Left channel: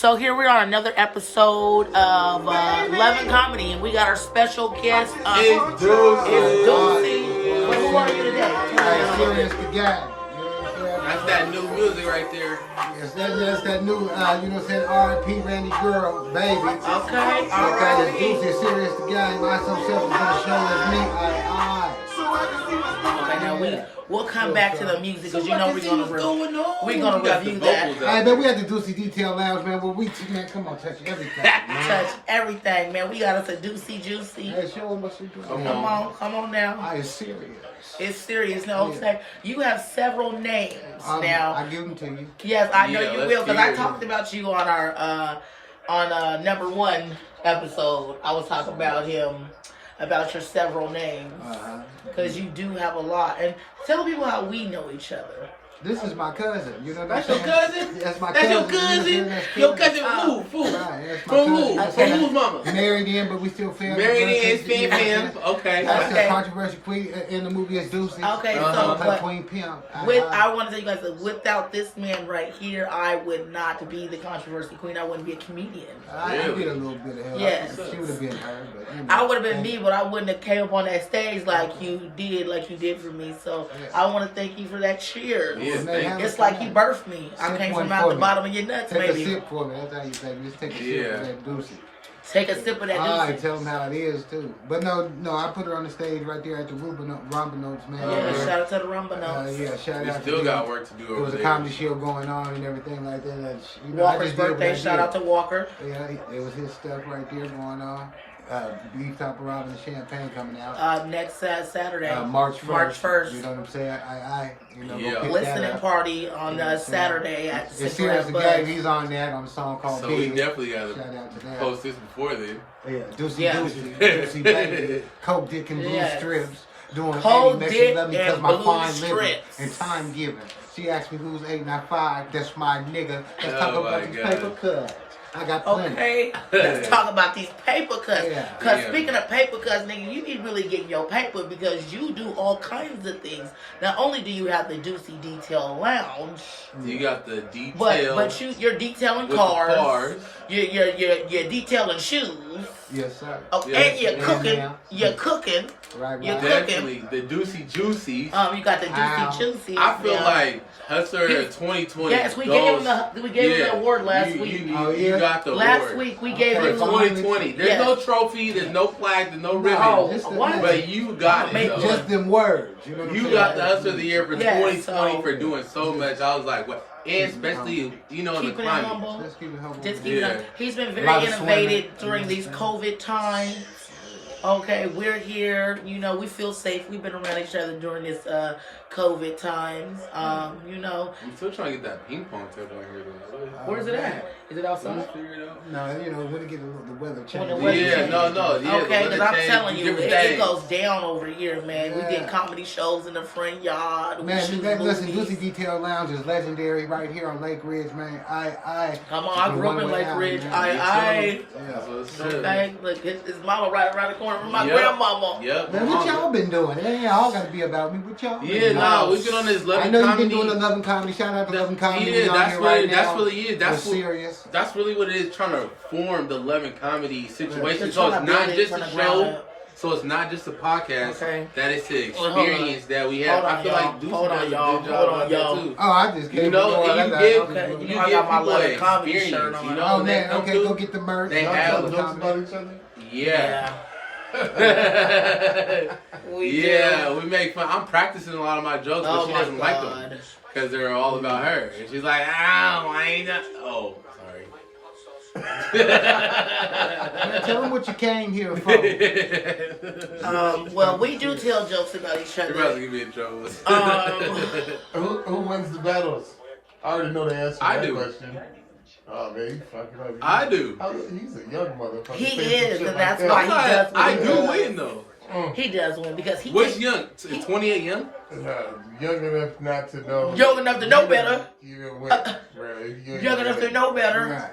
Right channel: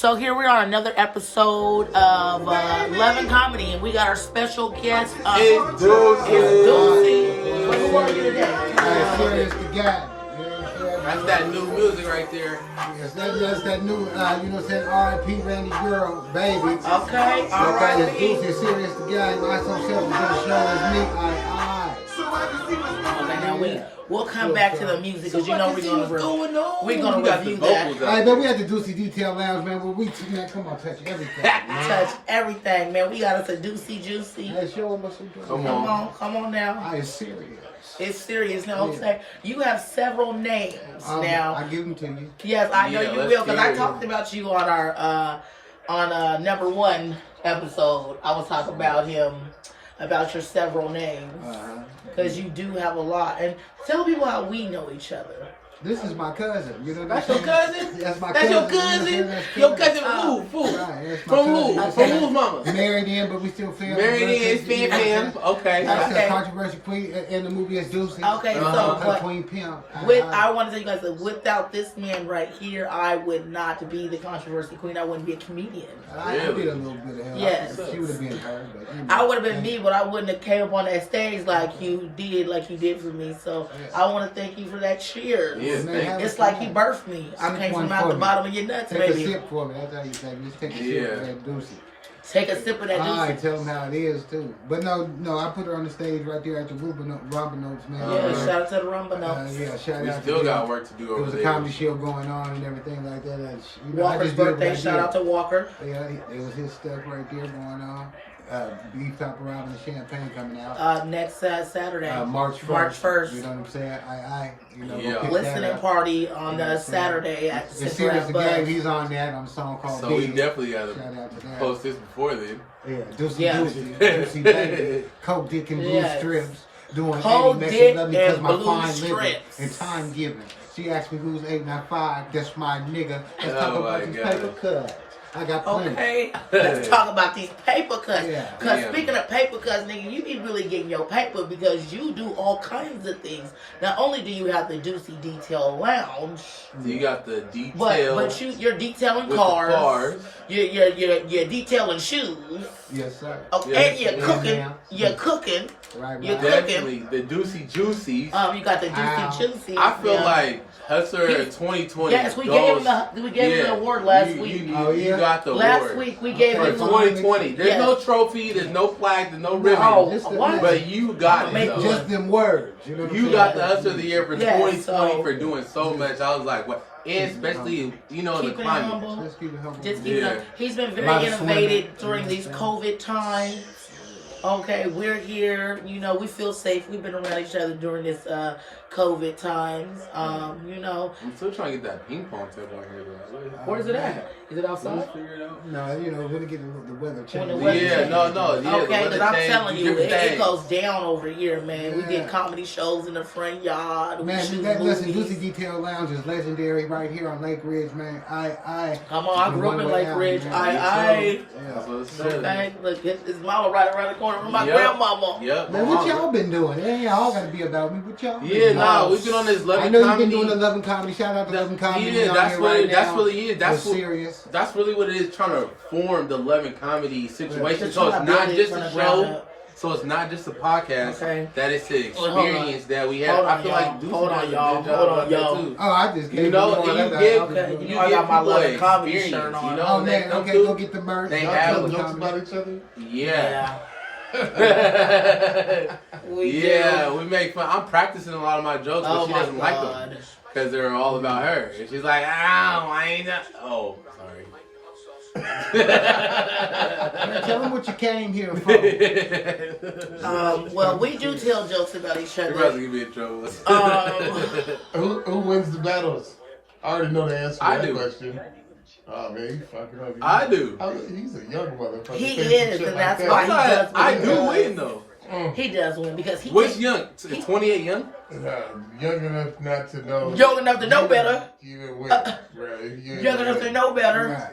So here we are, another episode of Love and Comedy, and we got our special guest. It's Deucy. Well, who are you today? It's the guy. That's that new music right there. Yes, that's that new, R.I.P. Randy Girl, baby. Okay, all right. right. Deucy, serious the guy. I so self is gonna show as me. Okay, now we'll come back to the music because you know we're gonna review that. Hey, man, we at the Deucy Detail Lounge, man. Where man, come on, touch everything. Touch everything, man. We got us a Deucy Juicy. Hey, show them what you doing. Come on now. It's serious. It's serious. No, okay. You have several names now. I give them to you. Yes, I know you will because I talked about you on our number one episode. I was talking about him, about your several names because you do have a lot. And tell people how we know each other. This is my cousin. You know That's your cousin? That's my That's cousin. your cousin? That's Your cousin who? Right, From who? From whose mama? Married in, but we still family. Married in, fam. Okay. That's a controversial queen in the movie as Deucy. Okay, so Queen Pimp. I want to tell you guys that without this man right here, I would not be the controversy queen. I wouldn't be a comedian. I did a little bit of her. Yes. She would have been her, but you know. I would have been me, but I wouldn't have came up on that stage like you did for me. So I want to thank you for that cheers. Yes, it's like he birthed me. I came from out the bottom of your nuts, baby. Take a sip for me. That's how you say. Just take a sip of that Deucy. Take a sip of that Deucy. I tell them how it is too. But no, I put her on the stage right there at the Rumba Notes, man. Yeah, shout out to the Rumba Notes. Yeah, shout out. We still got work to do over there. There was a comedy show going on and everything like that. Walker's birthday. Shout out to Walker. Yeah, it was his stuff right there going on. Beef Top Around and Champagne coming out. Next Saturday. March 1st. March 1st. You know what I'm saying? Listening party on Saturday at the Central Ave Buzz. He's on that on a song called So we definitely got to post this before then. Yeah, Deucy baby. Coke Dick and Blue Strips. Doing Coke Dick and Blue Strips. And time giving. She asked me who's 8 and 5. That's my nigga. Let's talk about these paper cuts. I got plenty. Okay, let's talk about these paper cuts. Because Yeah. speaking of paper cuts, nigga, you be really getting your paper because you do all kinds of things. Not only do you have the Deucy Detail Lounge, you got the detail. but you're detailing cars. You're detailing shoes. Yes, sir. Okay, and you're cooking. You're cooking. Right. You're Definitely cooking. the Deucy Juicy. You got the Deucy Juicy. I feel like Hustler 2020. Yes, we gave him the award last week. You got the award. Last week we gave him 2020. There's no trophy, there's no flag, there's no ribbon. But you got it. Just them words. You know what you got the Hustler of the Year for 2020 for doing so much. I was like, what? And especially, in the climate. Just keep it humble. Just keep it humble. He's been very innovative during these COVID times. Okay, we're here. We feel safe. We've been around each other during this COVID times. I'm still trying to get that ping pong table in here, though. Where is it at? Is it outside? No, when it get the weather change. No. Yeah, okay, because I'm telling you, it things. goes down over here, man. We did comedy shows in the front yard. Man, listen, Deucy Detail Lounge is legendary right here on Lake Ridge, man. Come on, I grew up in Lake Ridge. Okay, look, his mama right around the corner from my grandmama. Yep. Man, what y'all been doing? It ain't all got to be about me. What y'all been doing? We've been on this Love and Comedy. I know you've been doing the Love and Comedy. Shout out to Love and Comedy. Yeah, that's really it. That's serious. That's really what it is, trying to form the Love and Comedy situation. So it's not just a show. So it's not just a podcast. Okay. That is the experience that we have. I feel like hold on, y'all. Oh, I just I got my Love and Comedy shirt on. Oh man, okay, go get the merch. They have jokes about each other. Yeah. We make fun. I'm practicing a lot of my jokes, but she doesn't like them because they're all about her. And she's like, I ain't not. Oh, sorry. Tell them what you came here for. Well, we do tell jokes about each other. You're about to get me in trouble. Who wins the battles? I already know the answer to that question. Oh man, he's fucking up. I do. He's a young motherfucker. He is, and that's why he does. I do win though. He does win because he. What's young? 28 young? Young enough not to know. Young enough to know better. Young enough to know better.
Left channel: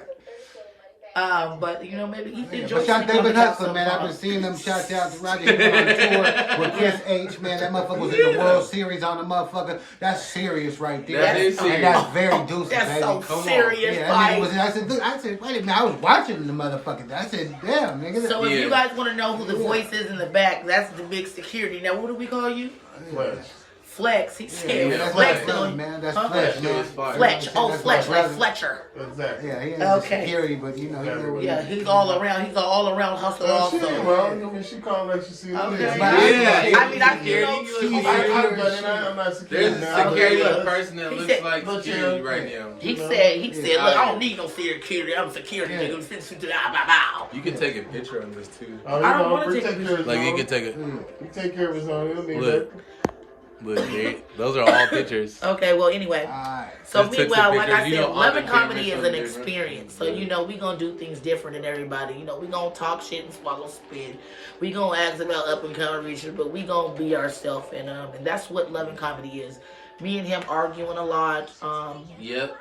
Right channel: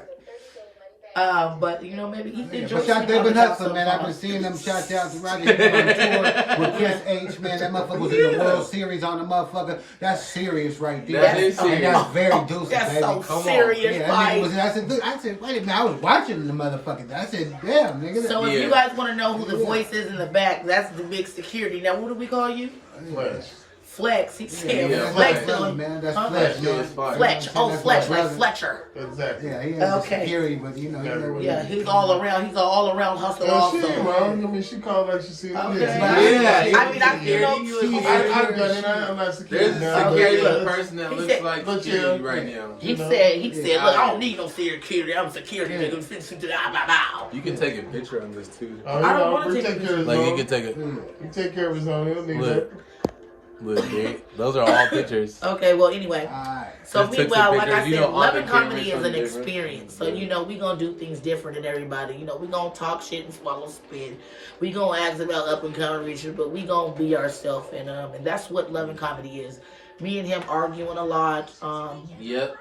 But you know, maybe he enjoys. But shout out to Hustler, man. I've been seeing them shout out to Roger on tour with Chris H, man. That motherfucker was in the World Series on the motherfucker. That's serious right there. That is serious. And that's very Deucy, that's baby. so Come serious. On. Yeah, I said, wait a minute. I was watching the motherfucker. I said, damn, nigga. So if you guys want to know who the voice is in the back, that's the big security. Now, what do we call you? Flex. He said Flex. Man, that's Flex, man. Fletch. Oh, Fletch, like Fletcher. Exactly. Yeah, he has security, but you know, he's all around. He's an all-around hustler also. I mean, she called like she sees. Okay. Yeah. I mean, I'm not security. There's a security person that looks like security right now. He said, look, I don't need no security. I'm security nigga. You can take a picture on this too. I don't want to take a picture. Like you can take it. You take care of his own. Look, those are all pictures. Okay, well, anyway. So Just took meanwhile, some like I pictures. You said, know, Love and all the Comedy is cameras an are different. experience. So, you know, we going to do things different than everybody. You know, we going to talk shit and swallow spit. We going to ask about up and coming reachers, but we going to be ourselves. And that's what Love and Comedy is. Me and him arguing a lot. Yep.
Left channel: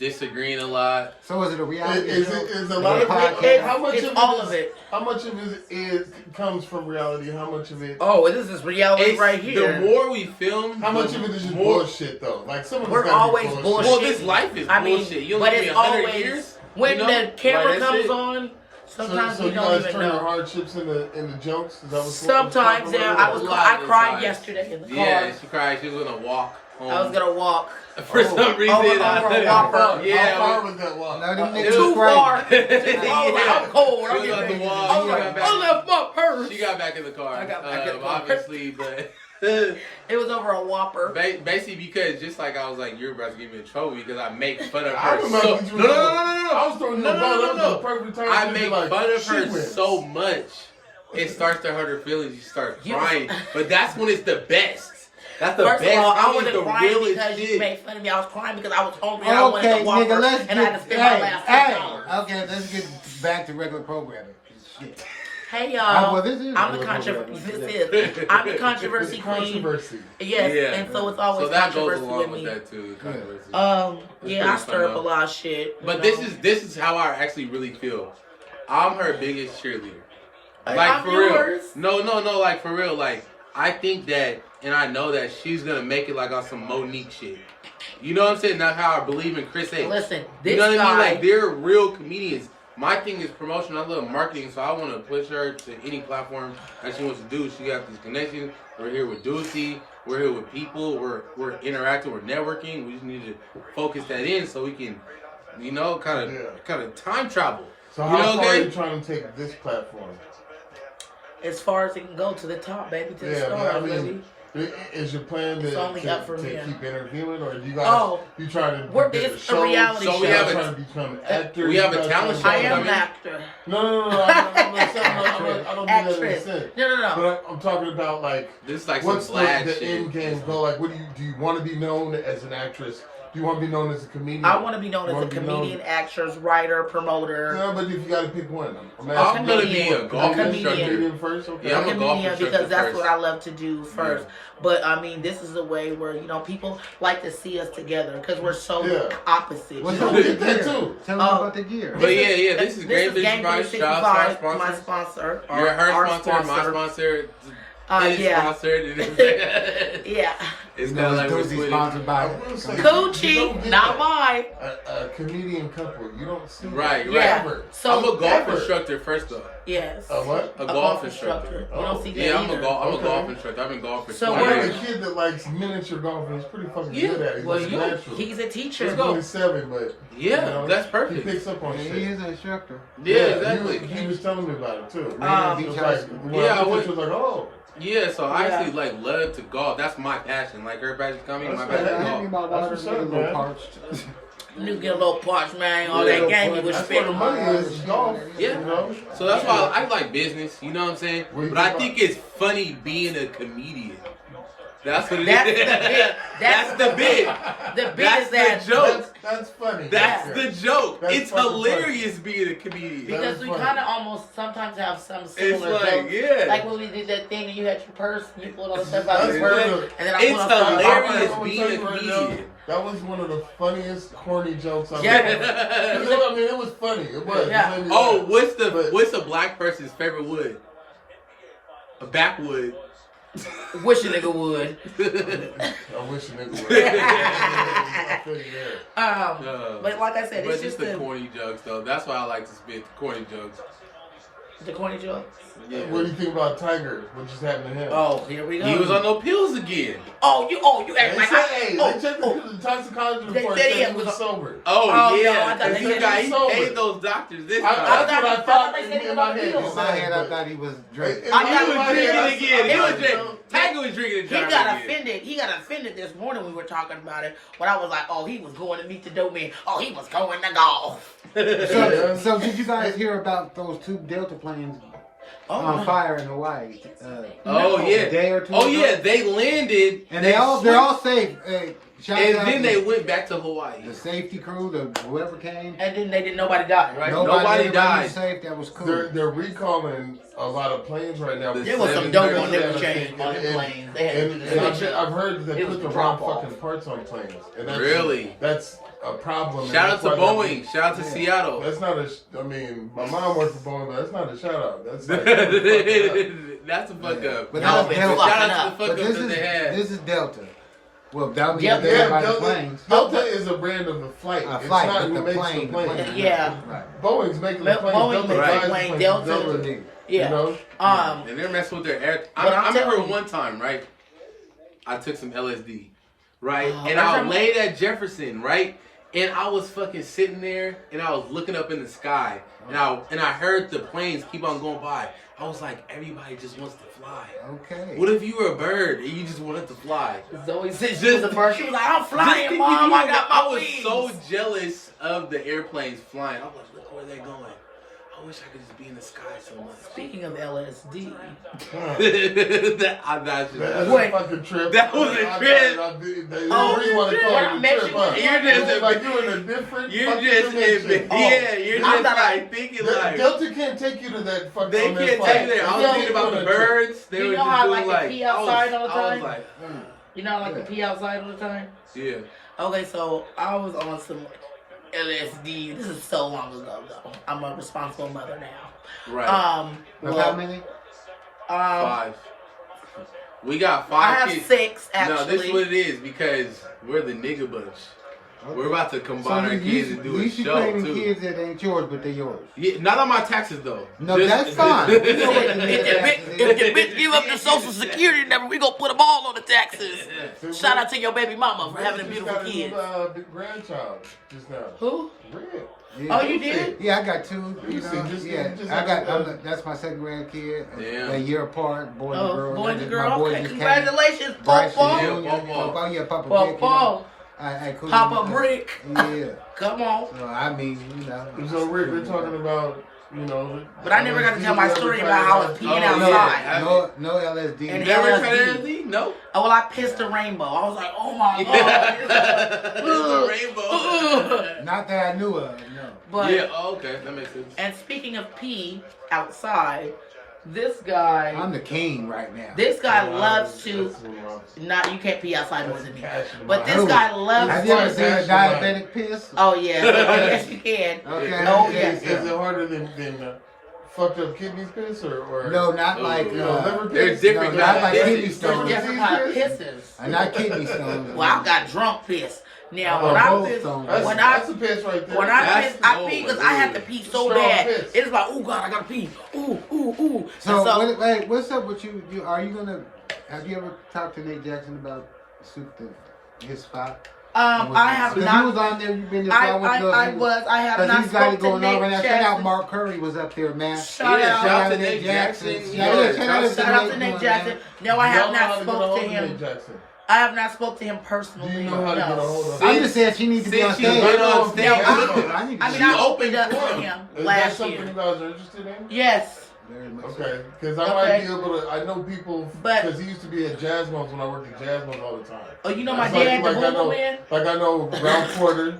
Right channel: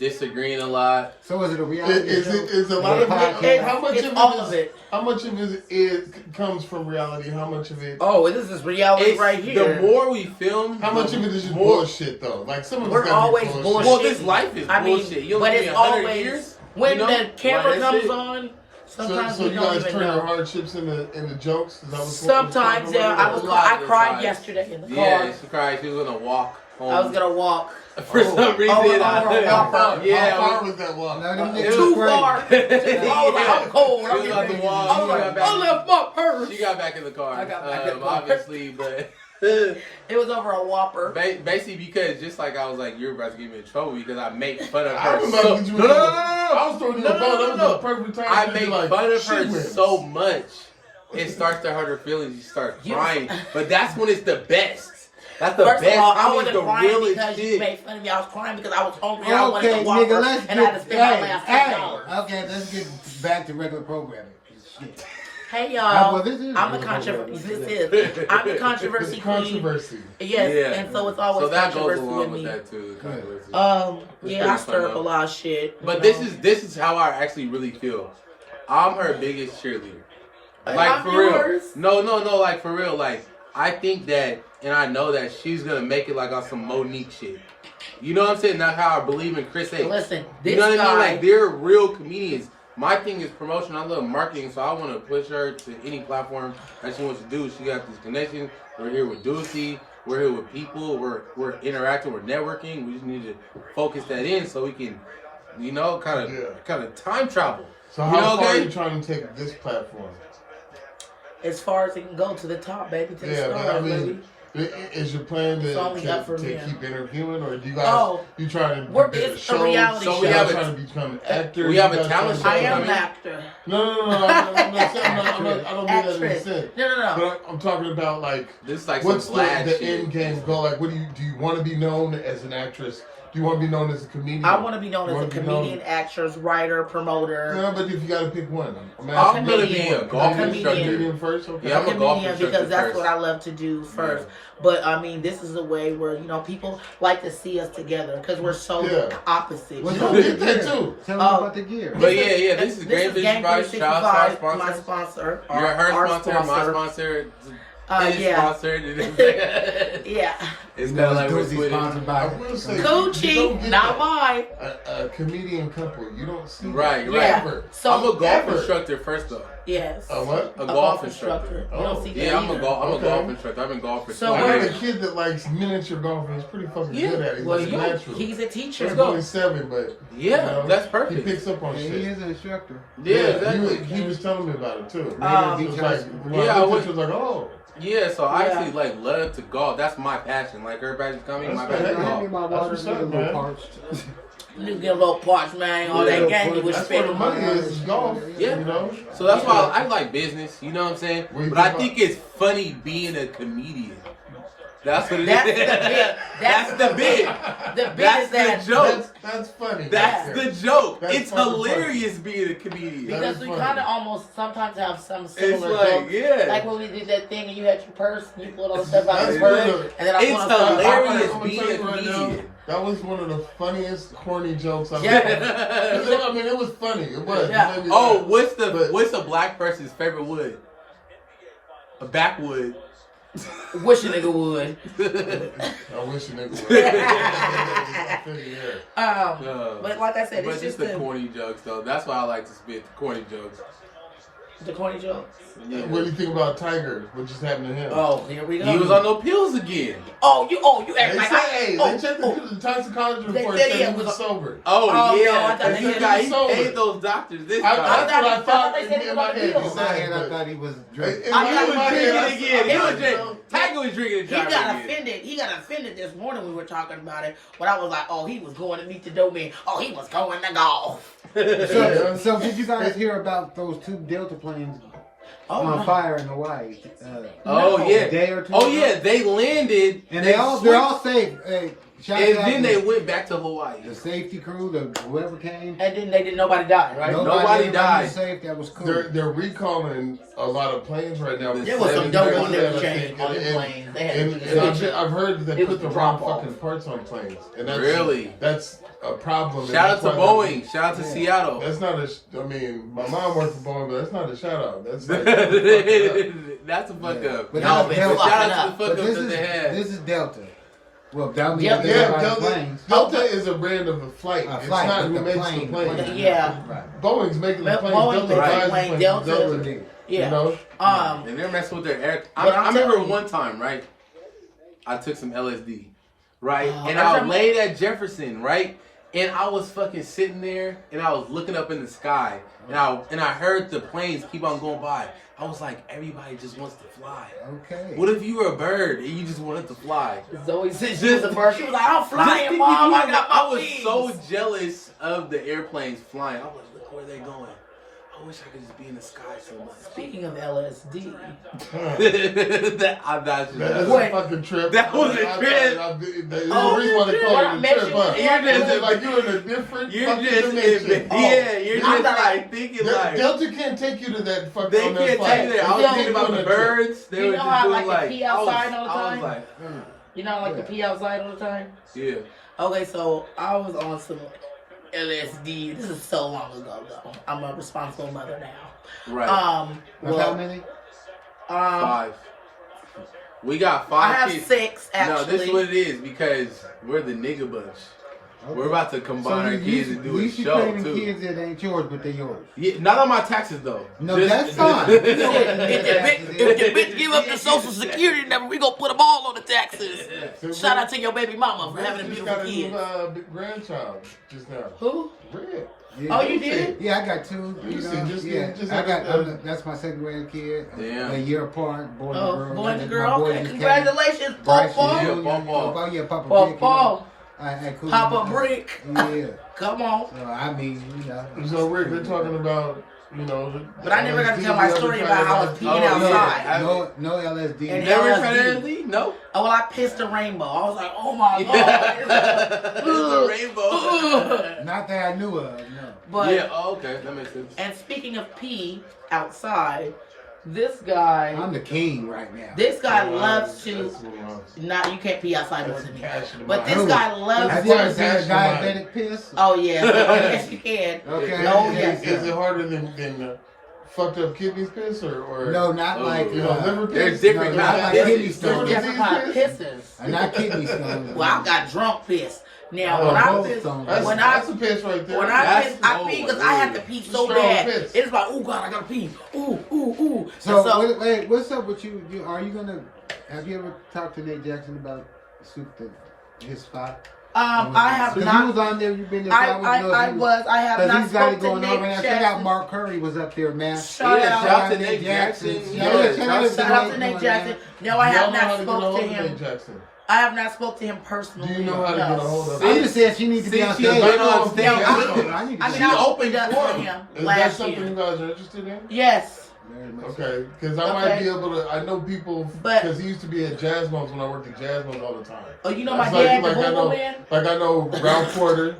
Disagreeing a lot. So is it a reality? Is a lot of how much it's of all it of it. How much of it comes from reality? How much of it? Oh, this is reality right here. The more we film, how much of it is just bullshit though? Like some of we're always bullshit. Well, this life is bullshit. You but it's always when the camera comes on. Sometimes so we don't even know. Hardships in the jokes. Is that what sometimes, yeah. I cried yesterday in the car. Yeah, she cried. She was gonna walk home. I was gonna walk. For some reason, How far was that walk? Too far. I was like, I'm cold. I was like, I left my purse. She got back in the car. I got back in the car. Obviously, but it was over a Whopper. Basically, because just like I was like, you're about to get me in trouble because I make fun of I her. was No. I make fun of her so much, it starts to hurt her feelings. You start crying, but that's when it's the best. That's the First best. of all, I wasn't crying because you made fun of me. I was crying because I was hungry and I wanted to Whopper and I had to spend my last $10. Okay, let's get back to regular programming. Hey y'all, I'm the controversy queen. Controversy. Yes, and so it's always controversy with me. That too, controversy. I stir up a lot of shit. But this is how I actually really feel. I'm her biggest cheerleader. Like for real. No, like for real. Like I think that, and I know that she's gonna make it like on some Monique shit. You know what I'm saying? That's how I believe in Chris A. Listen, this you know what guy, I mean? Like they're real comedians. My thing is promotion. I love marketing, so I want to push her to any platform that she wants to do. She got these connections. We're here with Deucy. We're here with people. We're interacting. We're networking. We just need to focus that in so we can, you know, kind of time travel. So how far are you trying to take this platform? As far as it can go, to the top, baby, to the stars, baby. Is your plan to keep interviewing, or do you guys you trying to? It's a reality show. We have trying to become actors. We have a talent show. I am an actor. No. I don't mean that. No. I'm talking about like this is like what's some the shit. end game goal? Like, what do you want to be known as an actress? Do you want to be known as a comedian? I want to be known as a comedian, actress, writer, promoter. No, but if you got to pick one, I'm going to be a golf instructor. First, okay. Yeah, I'm a comedian because that's what I love to do first. Yeah. But I mean, this is a way where people like to see us together because we're so opposite. What's up with the gear? Tell them about the gear. But this is Game 365, my sponsor. Her sponsor, my sponsor. Sponsored. Yeah. It's kind of like we're sponsored by Coochie, not mine. A comedian couple, you don't see. Right. Yeah. So I'm a golf instructor first, though. Yes. A what? A golf instructor. You don't see that. Yeah, I'm a golf instructor. I've been golfing. So we're a kid that likes miniature golfing. He's pretty fucking good at it. Well, he's a teacher. He's only 7, but that's perfect. He picks up on shit. He is an instructor. Yeah, exactly. He was telling me about it too. I was like, oh. Yeah, so I actually love to golf. That's my passion. Like her passion coming, my passion is golf. My water's getting a little parched. You get a little parched, man. All that game you was spending. Yeah. So that's why I like business. You know what I'm saying? But I think it's funny being a comedian. That's what it That's is. the bit. That's the bit. The bit That's is that the joke. That's funny. That's the joke. That's It's fucking hilarious being a comedian. because we funny. kind of almost sometimes have some similar like, jokes. yeah. Like when we did that thing and you had your purse and you pulled all the stuff out of your That's purse, right. and then I It's pulled up stuff out of my hilarious purse. being a comedian. That was one of the funniest corny jokes I've Yeah. ever. I mean, it was funny. It was. Yeah. It made me Oh, laugh. what's a black person's favorite wood? A backwood. Wish a nigga would. I wish it was. But like I said, But it's just the corny jokes though. That's why I like to spit corny jokes. the corny jokes. Yeah. What do you think about Tiger? What just happened to him? Oh, here we go. He was on no pills again. Oh, you act They like said, I. they checked the toxicology They report. said Said he he was was sober. Oh, Oh, yeah, no, I thought they he said got he he was paid sober. those doctors this I time. thought they said he was on the pills. In my head, I thought he was drinking. I He thought was drinking again. He was drinking. drinking. Tiger was drinking and He driving got again. offended. He got offended this morning. We were talking about it. When I was like, "Oh, he was going to meet the dope man. Oh, he was going to golf." So did you guys hear about those two Delta planes on fire in Hawaii? Oh A yeah. day or two Oh ago? yeah. They landed And they're all safe. Shout and out then to they went back to Hawaii. the safety crew, the whoever came. And then they didn't. Nobody died, right? Nobody everybody died. was safe. That was cool. They're recalling a lot of planes right now. There was some dope on them the chain on the planes. They had to do the switch up. I've heard that It was put the the wrong drop-off. fucking parts on planes. And Really? That's a problem. Shout out to That's why- Boeing. Shout out to Seattle. That's not a. I mean, my mom works for Boeing, but that's not a shout out. That's That's a fuck up. But Y'all that's been Delta. Shout fucking out up. to the But fuck ups that they had. this is Delta. Well, that means Yep. they yeah, got by the Delta, planes. Delta is a brand of a flight. A It's flight, not but who the makes plane. the plane. Yeah. Right. Boeing's making the plane. Boeing Delta makes buys the the plane. plane. Delta. did. Yeah. You know? And they're messing with their air. But I I'm remember telling you- one time, right? I took some LSD, right? Oh, and I laid at Jefferson, right? And I was fucking sitting there, and I was looking up in the sky, and I heard the planes keep on going by. I was like, everybody just wants to fly. Okay. What if you were a bird and you just wanted to fly? Zoe said she was a bird. She was like, "I'm flying, Mom. I got my I was wings." so jealous of the airplanes flying. I was like, look where they're going. I wish I could just be in the sky so much. Speaking of LSD, That's That's Wait. a fucking trip. That was a trip. What I met you with- You're in a different. You're fucking just dimension. you're I just thought I- like thinking like Delta can't take you to that fucking. they on that can't flight. take it there. I was Yo, thinking about the birds. They you were know just how I doing like to pee outside all the I was time? like, you know, I like to pee outside all the time. yeah. Okay, so I was on some LSD. This is so long ago, though. I'm a responsible mother now. Right. Of how many? 5. We got I 5 have kids. 6 No, this actually. is what it is because we're the nigga bunch. Okay. We're about to combine our kids and do a you should show claim too. kids that ain't yours, but they're yours. Yeah, not on my taxes though. No, Just- that's fine. You know what you If need the to bitch give up the social security number, we gonna put them all on the taxes. Shout out to your baby mama for having a beautiful kid. Big grandchild just now. Who? Red. Yeah. Oh, you did? Yeah, I got 2. You You know, see, just- yeah, just I like got. the- That's my second grandkid. Damn. A year apart, boy and Oh, girl. boy and My girl. boy Okay, just congratulations, came. Bryson Papa. Jr., Yeah, you know, Papa. yeah, Papa. Papa. Brick, you know. I couldn't- Papa Brick. Yeah. Come on. So I mean, you know. So Rick, they're talking about, you know. But I never got to tell my story about how I was peeing Oh, outside. No LSD. And Never LSD. tried LSD? No. Oh, well, I pissed a rainbow. I was like, oh my God. The rainbow. Not that I knew of. No. But, Yeah. Oh, okay. That makes sense. and speaking of pee outside, this guy, I'm the king right now. this guy loves to, not, you can't pee outside more than me. But this guy loves Have you ever to, seen a diabetic piss? oh yeah, yes you can. Okay. Oh, okay, yes. Is it harder than fucked up kidneys piss or No, not like. liver They're piss? different. No, Not not like this. kidney There's stones. different kind of pisses. Not kidney stones. Well, I got drunk piss. Now, Oh, when I both piss, stones. when That's I a piss right there. when I That's- piss, I oh, pee because my I have to God. pee so Strong bad. piss. It's like, oh God, I gotta pee. Ooh, ooh, ooh. So, wait, what's up with you? Are you gonna? Have you ever talked to Nate Jackson about his spot? I have Because he was not. on there. You've been there. I have Because not he's got it spoken to going on. But Nate I shout out Jackson. Mark Curry was up there, man. Shout Yeah, out. shout out to Nate Jackson. Yeah, Shout out to Nate Jackson. No, I have not spoke to him. Jackson. I have not spoke to him personally. Do you know how to get a No. hold of I'm just saying she needs to be on Since stage. you've been on stage, I need to I be mean, on I opened up for him Is that last something you year. guys are interested in? Yes. Very much. Okay, because I might be able to. I know people because he used to be at Jazzmo's when I worked at Jazzmo's all the time. Oh, you know my dad, the Boom Boom Man. Like I know Brown Porter.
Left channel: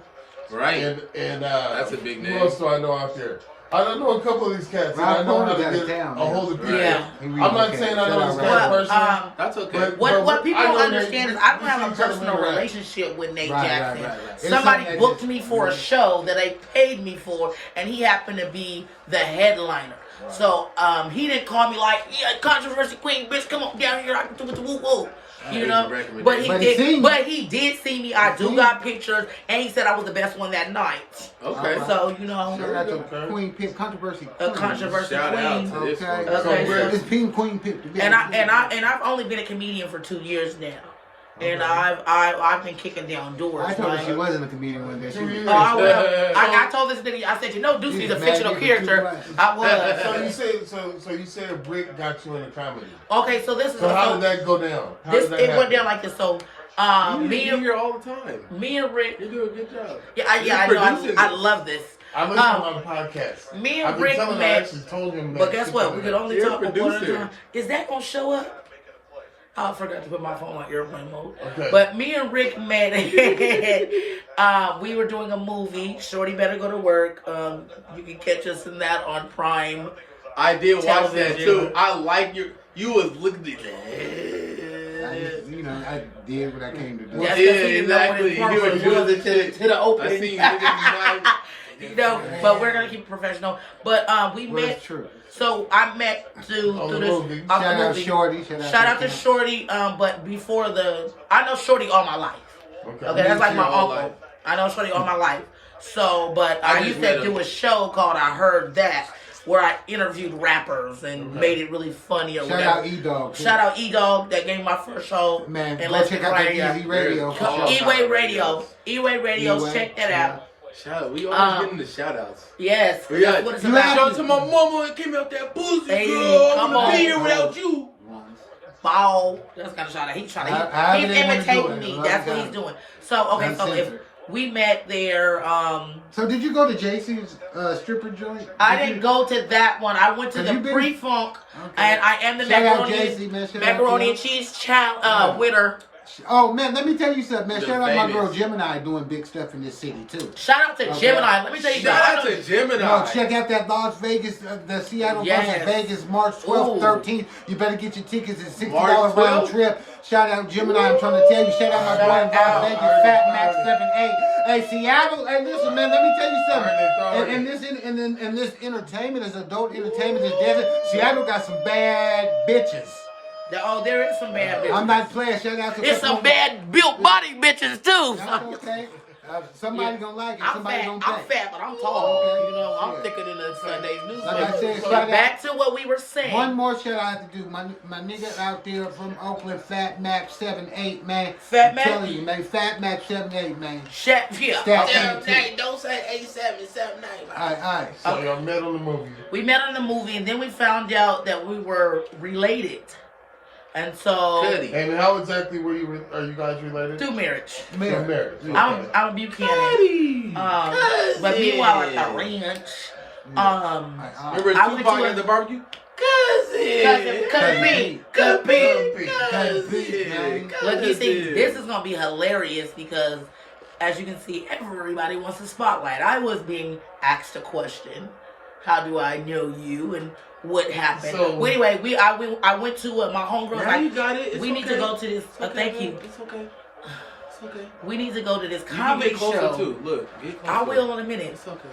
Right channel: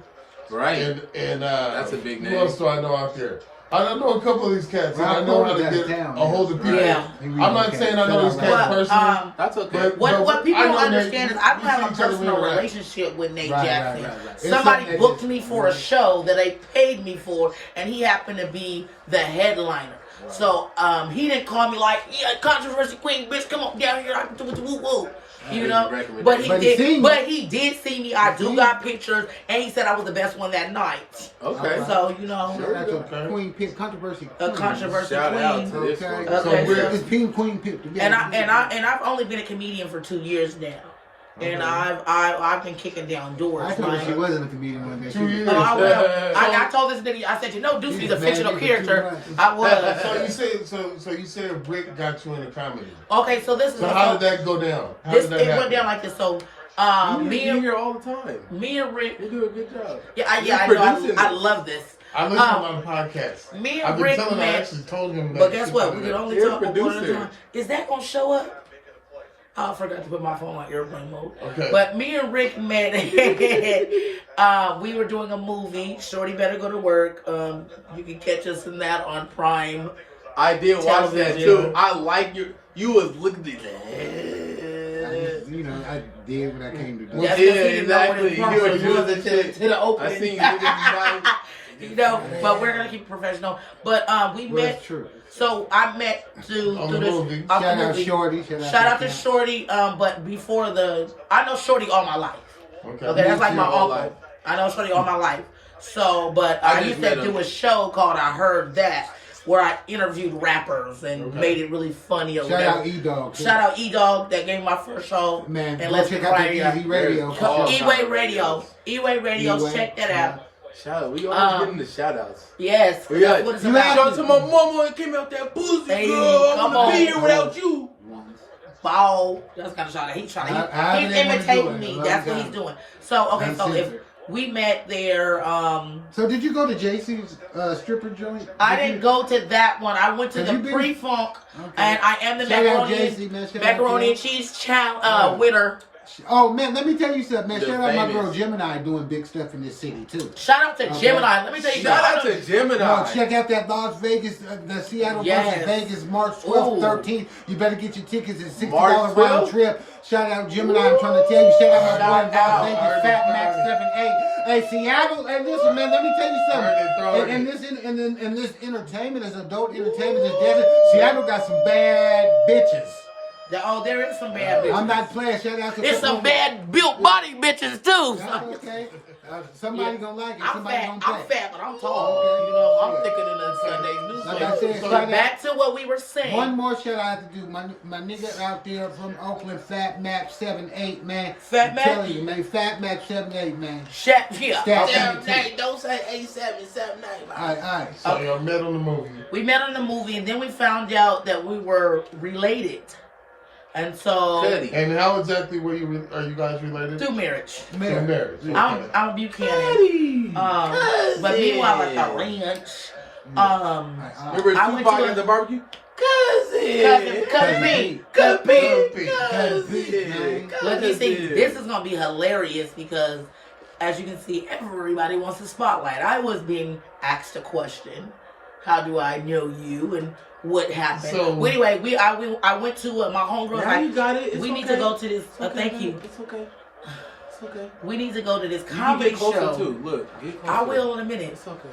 Right. And that's a big name. Who else do I know out there? I don't know a couple of these cats. I know how to get a hold of people. Yeah. I'm not saying I know this cat personally. That's okay. What people don't understand is I don't have a personal relationship with Nate Jackson. Right. Somebody booked me for a show that they paid me for, and he happened to be the headliner. Right. So he didn't call me like, yeah, controversy queen, bitch, come on down here, I can do it the woo woo. You know, but he did see me. I do got pictures, and he said I was the best one that night. Okay, so you know, that's a Queen Pimp controversy. A controversy queen. Okay. It's Pink Queen Pimp. And I've only been a comedian for 2 years now. And I've been kicking down doors. I thought she wasn't a comedian one day. I told this nigga, I said, you know, Deucy's a fictional character. I was. So you said Rick got you into comedy. Okay, so this is. So how did that go down? It went down like this. So me and here all the time. Me and Rick. You do a good job. Yeah, I know. I love this. I listen on the podcast. Me and Rick met. But guess what? We could only talk about one at a time. Is that gonna show up? I forgot to put my phone on airplane mode. Okay. But me and Rick met. We were doing a movie. Shorty Better Go to Work. You can catch us in that on Prime. I did watch that too. I like you was looking at that. You know, I did what I came to do. That's exactly. You were doing to the opening. I seen you. You know, but we're gonna keep it professional. But we met. True. So I met through this movie. Shout out Shorty. Shout out to Shorty. But before I know Shorty all my life. Okay, that's like my uncle. Life. I know Shorty all my life. So, but I used to do a show called I Heard That, where I interviewed rappers and made it really funny or Shout whatever. out E-Dog. Shout out E-Dog that gave me my first show. Man, and let's check out the Easy Radio. E-Way Radio. E-Way Radio. Check that out. Shout out. We always getting the shout outs. Yes. That's what it's about. Shout out to my mama that came out that pussy, girl. Come on. Be here without you. Ball. That's kind of shout out. He's imitating me. That's what he's doing. So, okay, so if we met there. So did you go to JC's stripper joint? I didn't go to that one. I went to the pre-funk, and I am the macaroni and cheese winner. Oh man, let me tell you something, man. Shout out my girl Gemini doing big stuff in this city too. Shout out to Gemini. Let me tell you something. Shout out to Gemini. No, check out that Las Vegas, the Seattle versus Vegas, March 12th, 13th. You better get your tickets. It's $60 round trip. Shout out Gemini. I'm trying to tell you. Shout out my boy in Las Vegas, Fat Max 78. Hey, Seattle. Hey, listen, man. Let me tell you something. In this entertainment, this adult entertainment, this desert, Seattle got some bad bitches. There is some bad bitches. I'm not playing. Shout out to it's some bad built body bitches too. Okay. Somebody gonna like it. Somebody gonna pay. I'm fat, but I'm tall. Okay. You know, I'm thicker than a Sunday's newspaper. Like I said, but back to what we were saying. One more shout I have to do. My nigga out there from Oakland, Fat Max 78, man. Fat Max? I'm telling you, man. Fat Max 78, man. Don't say 87, 79. All right. So y'all met on the movie. We met on the movie, and then we found out that we were related. And so, and how exactly are you guys related? Through marriage. Marriage. I'm Buchanan. But meanwhile at the ranch, remember Tupac at the barbecue? Cousin. Look, you see, this is gonna be hilarious because, as you can see, everybody wants the spotlight. I was being asked a question: how do I know you? And what happened? So, anyway, I went to my homegirl. Now you got it. We need to go to this. Thank you. It's okay. It's okay. We need to go to this comedy show. Too. Look, I will in a minute. It's okay.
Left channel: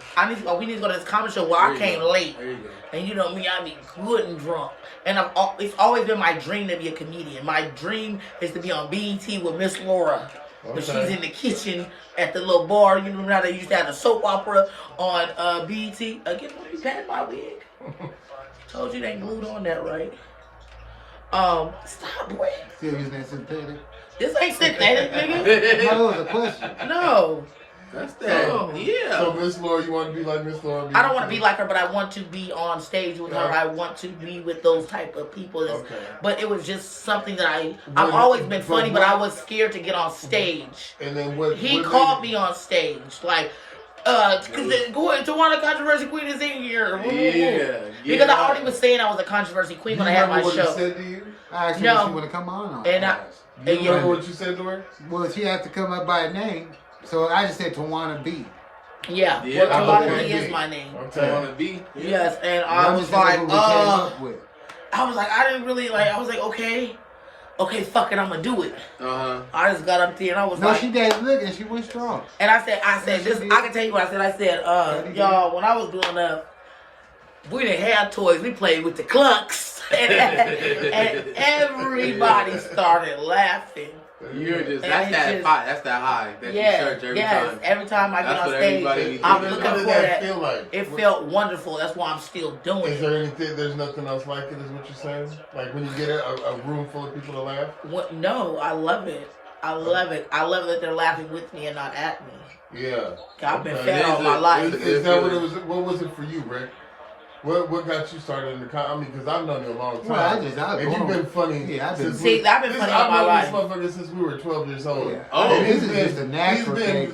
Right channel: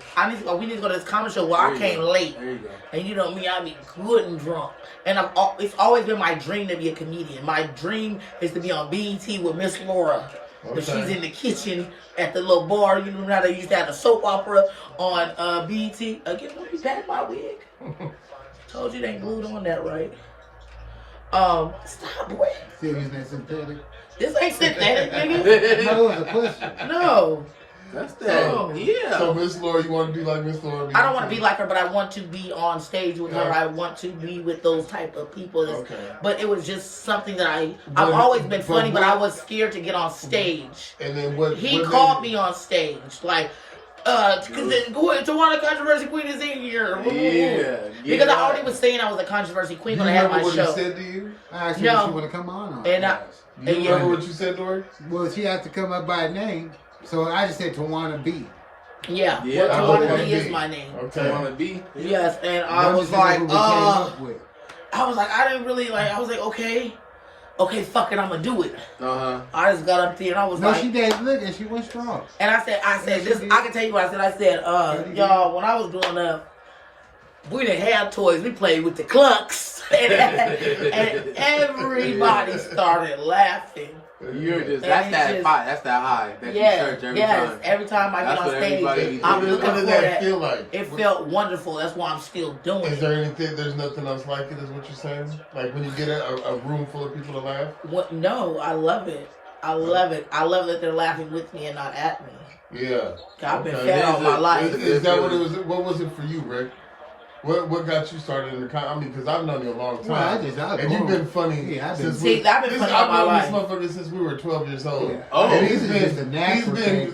We need to go to this comedy show where I came late. There you go. And you know me, I be good and drunk. And it's always been my dream to be a comedian. My dream is to be on BET with Miss Laura. But she's in the kitchen at the little bar. You know how they used to have a soap opera on BET. Again, don't be patting my wig. Told you they ain't glued on that right. Stop, boy. Serious and synthetic. This ain't synthetic, nigga. No, it was a question. No. That's that. No. Yeah. So Miss Laura, you want to be like Miss Laura? I don't want to be like her, but I want to be on stage with her. I want to be with those type of people. Okay. But it was just something that I've always been funny, but I was scared to get on stage. And then what? He called me on stage, like. Tawana Controversy Queen is in here. Yeah. Because I already was saying I was a controversy queen when I had my show. What he said to you? I asked her if she want to come on. And you remember what you said to her? Well, she had to come up by a name, so I just said Tawana B. Yeah. Well, Tawana B is my name. Okay. Tawana B. Yeah. Yes, and I was like, I didn't really like. I was like, okay, fuck it, I'm gonna do it. I just got up there and I was like, she did look and she went strong. And I said, this. I can tell you what I said. I said, y'all, when I was growing up, we didn't have toys. We played with the clunks, and everybody started laughing. You're just that's that high that you search every time. Every time I get on stage, I'm looking for that. It felt wonderful. That's why I'm still doing it. Is there anything? There's nothing else like it. Is what you're saying? Like when you get a room full of people to laugh? What? No, I love it. I love it. I love that they're laughing with me and not at me. Yeah. I've been fed all my life. Is that what it was? What was it for you, Rick? What got you started in the I mean, because I've known you a long time. Well, and you've been funny. Yeah, I've been funny all my life. I've known this motherfucker since we were 12 years old. Yeah. Oh, and he's been just a natural he's been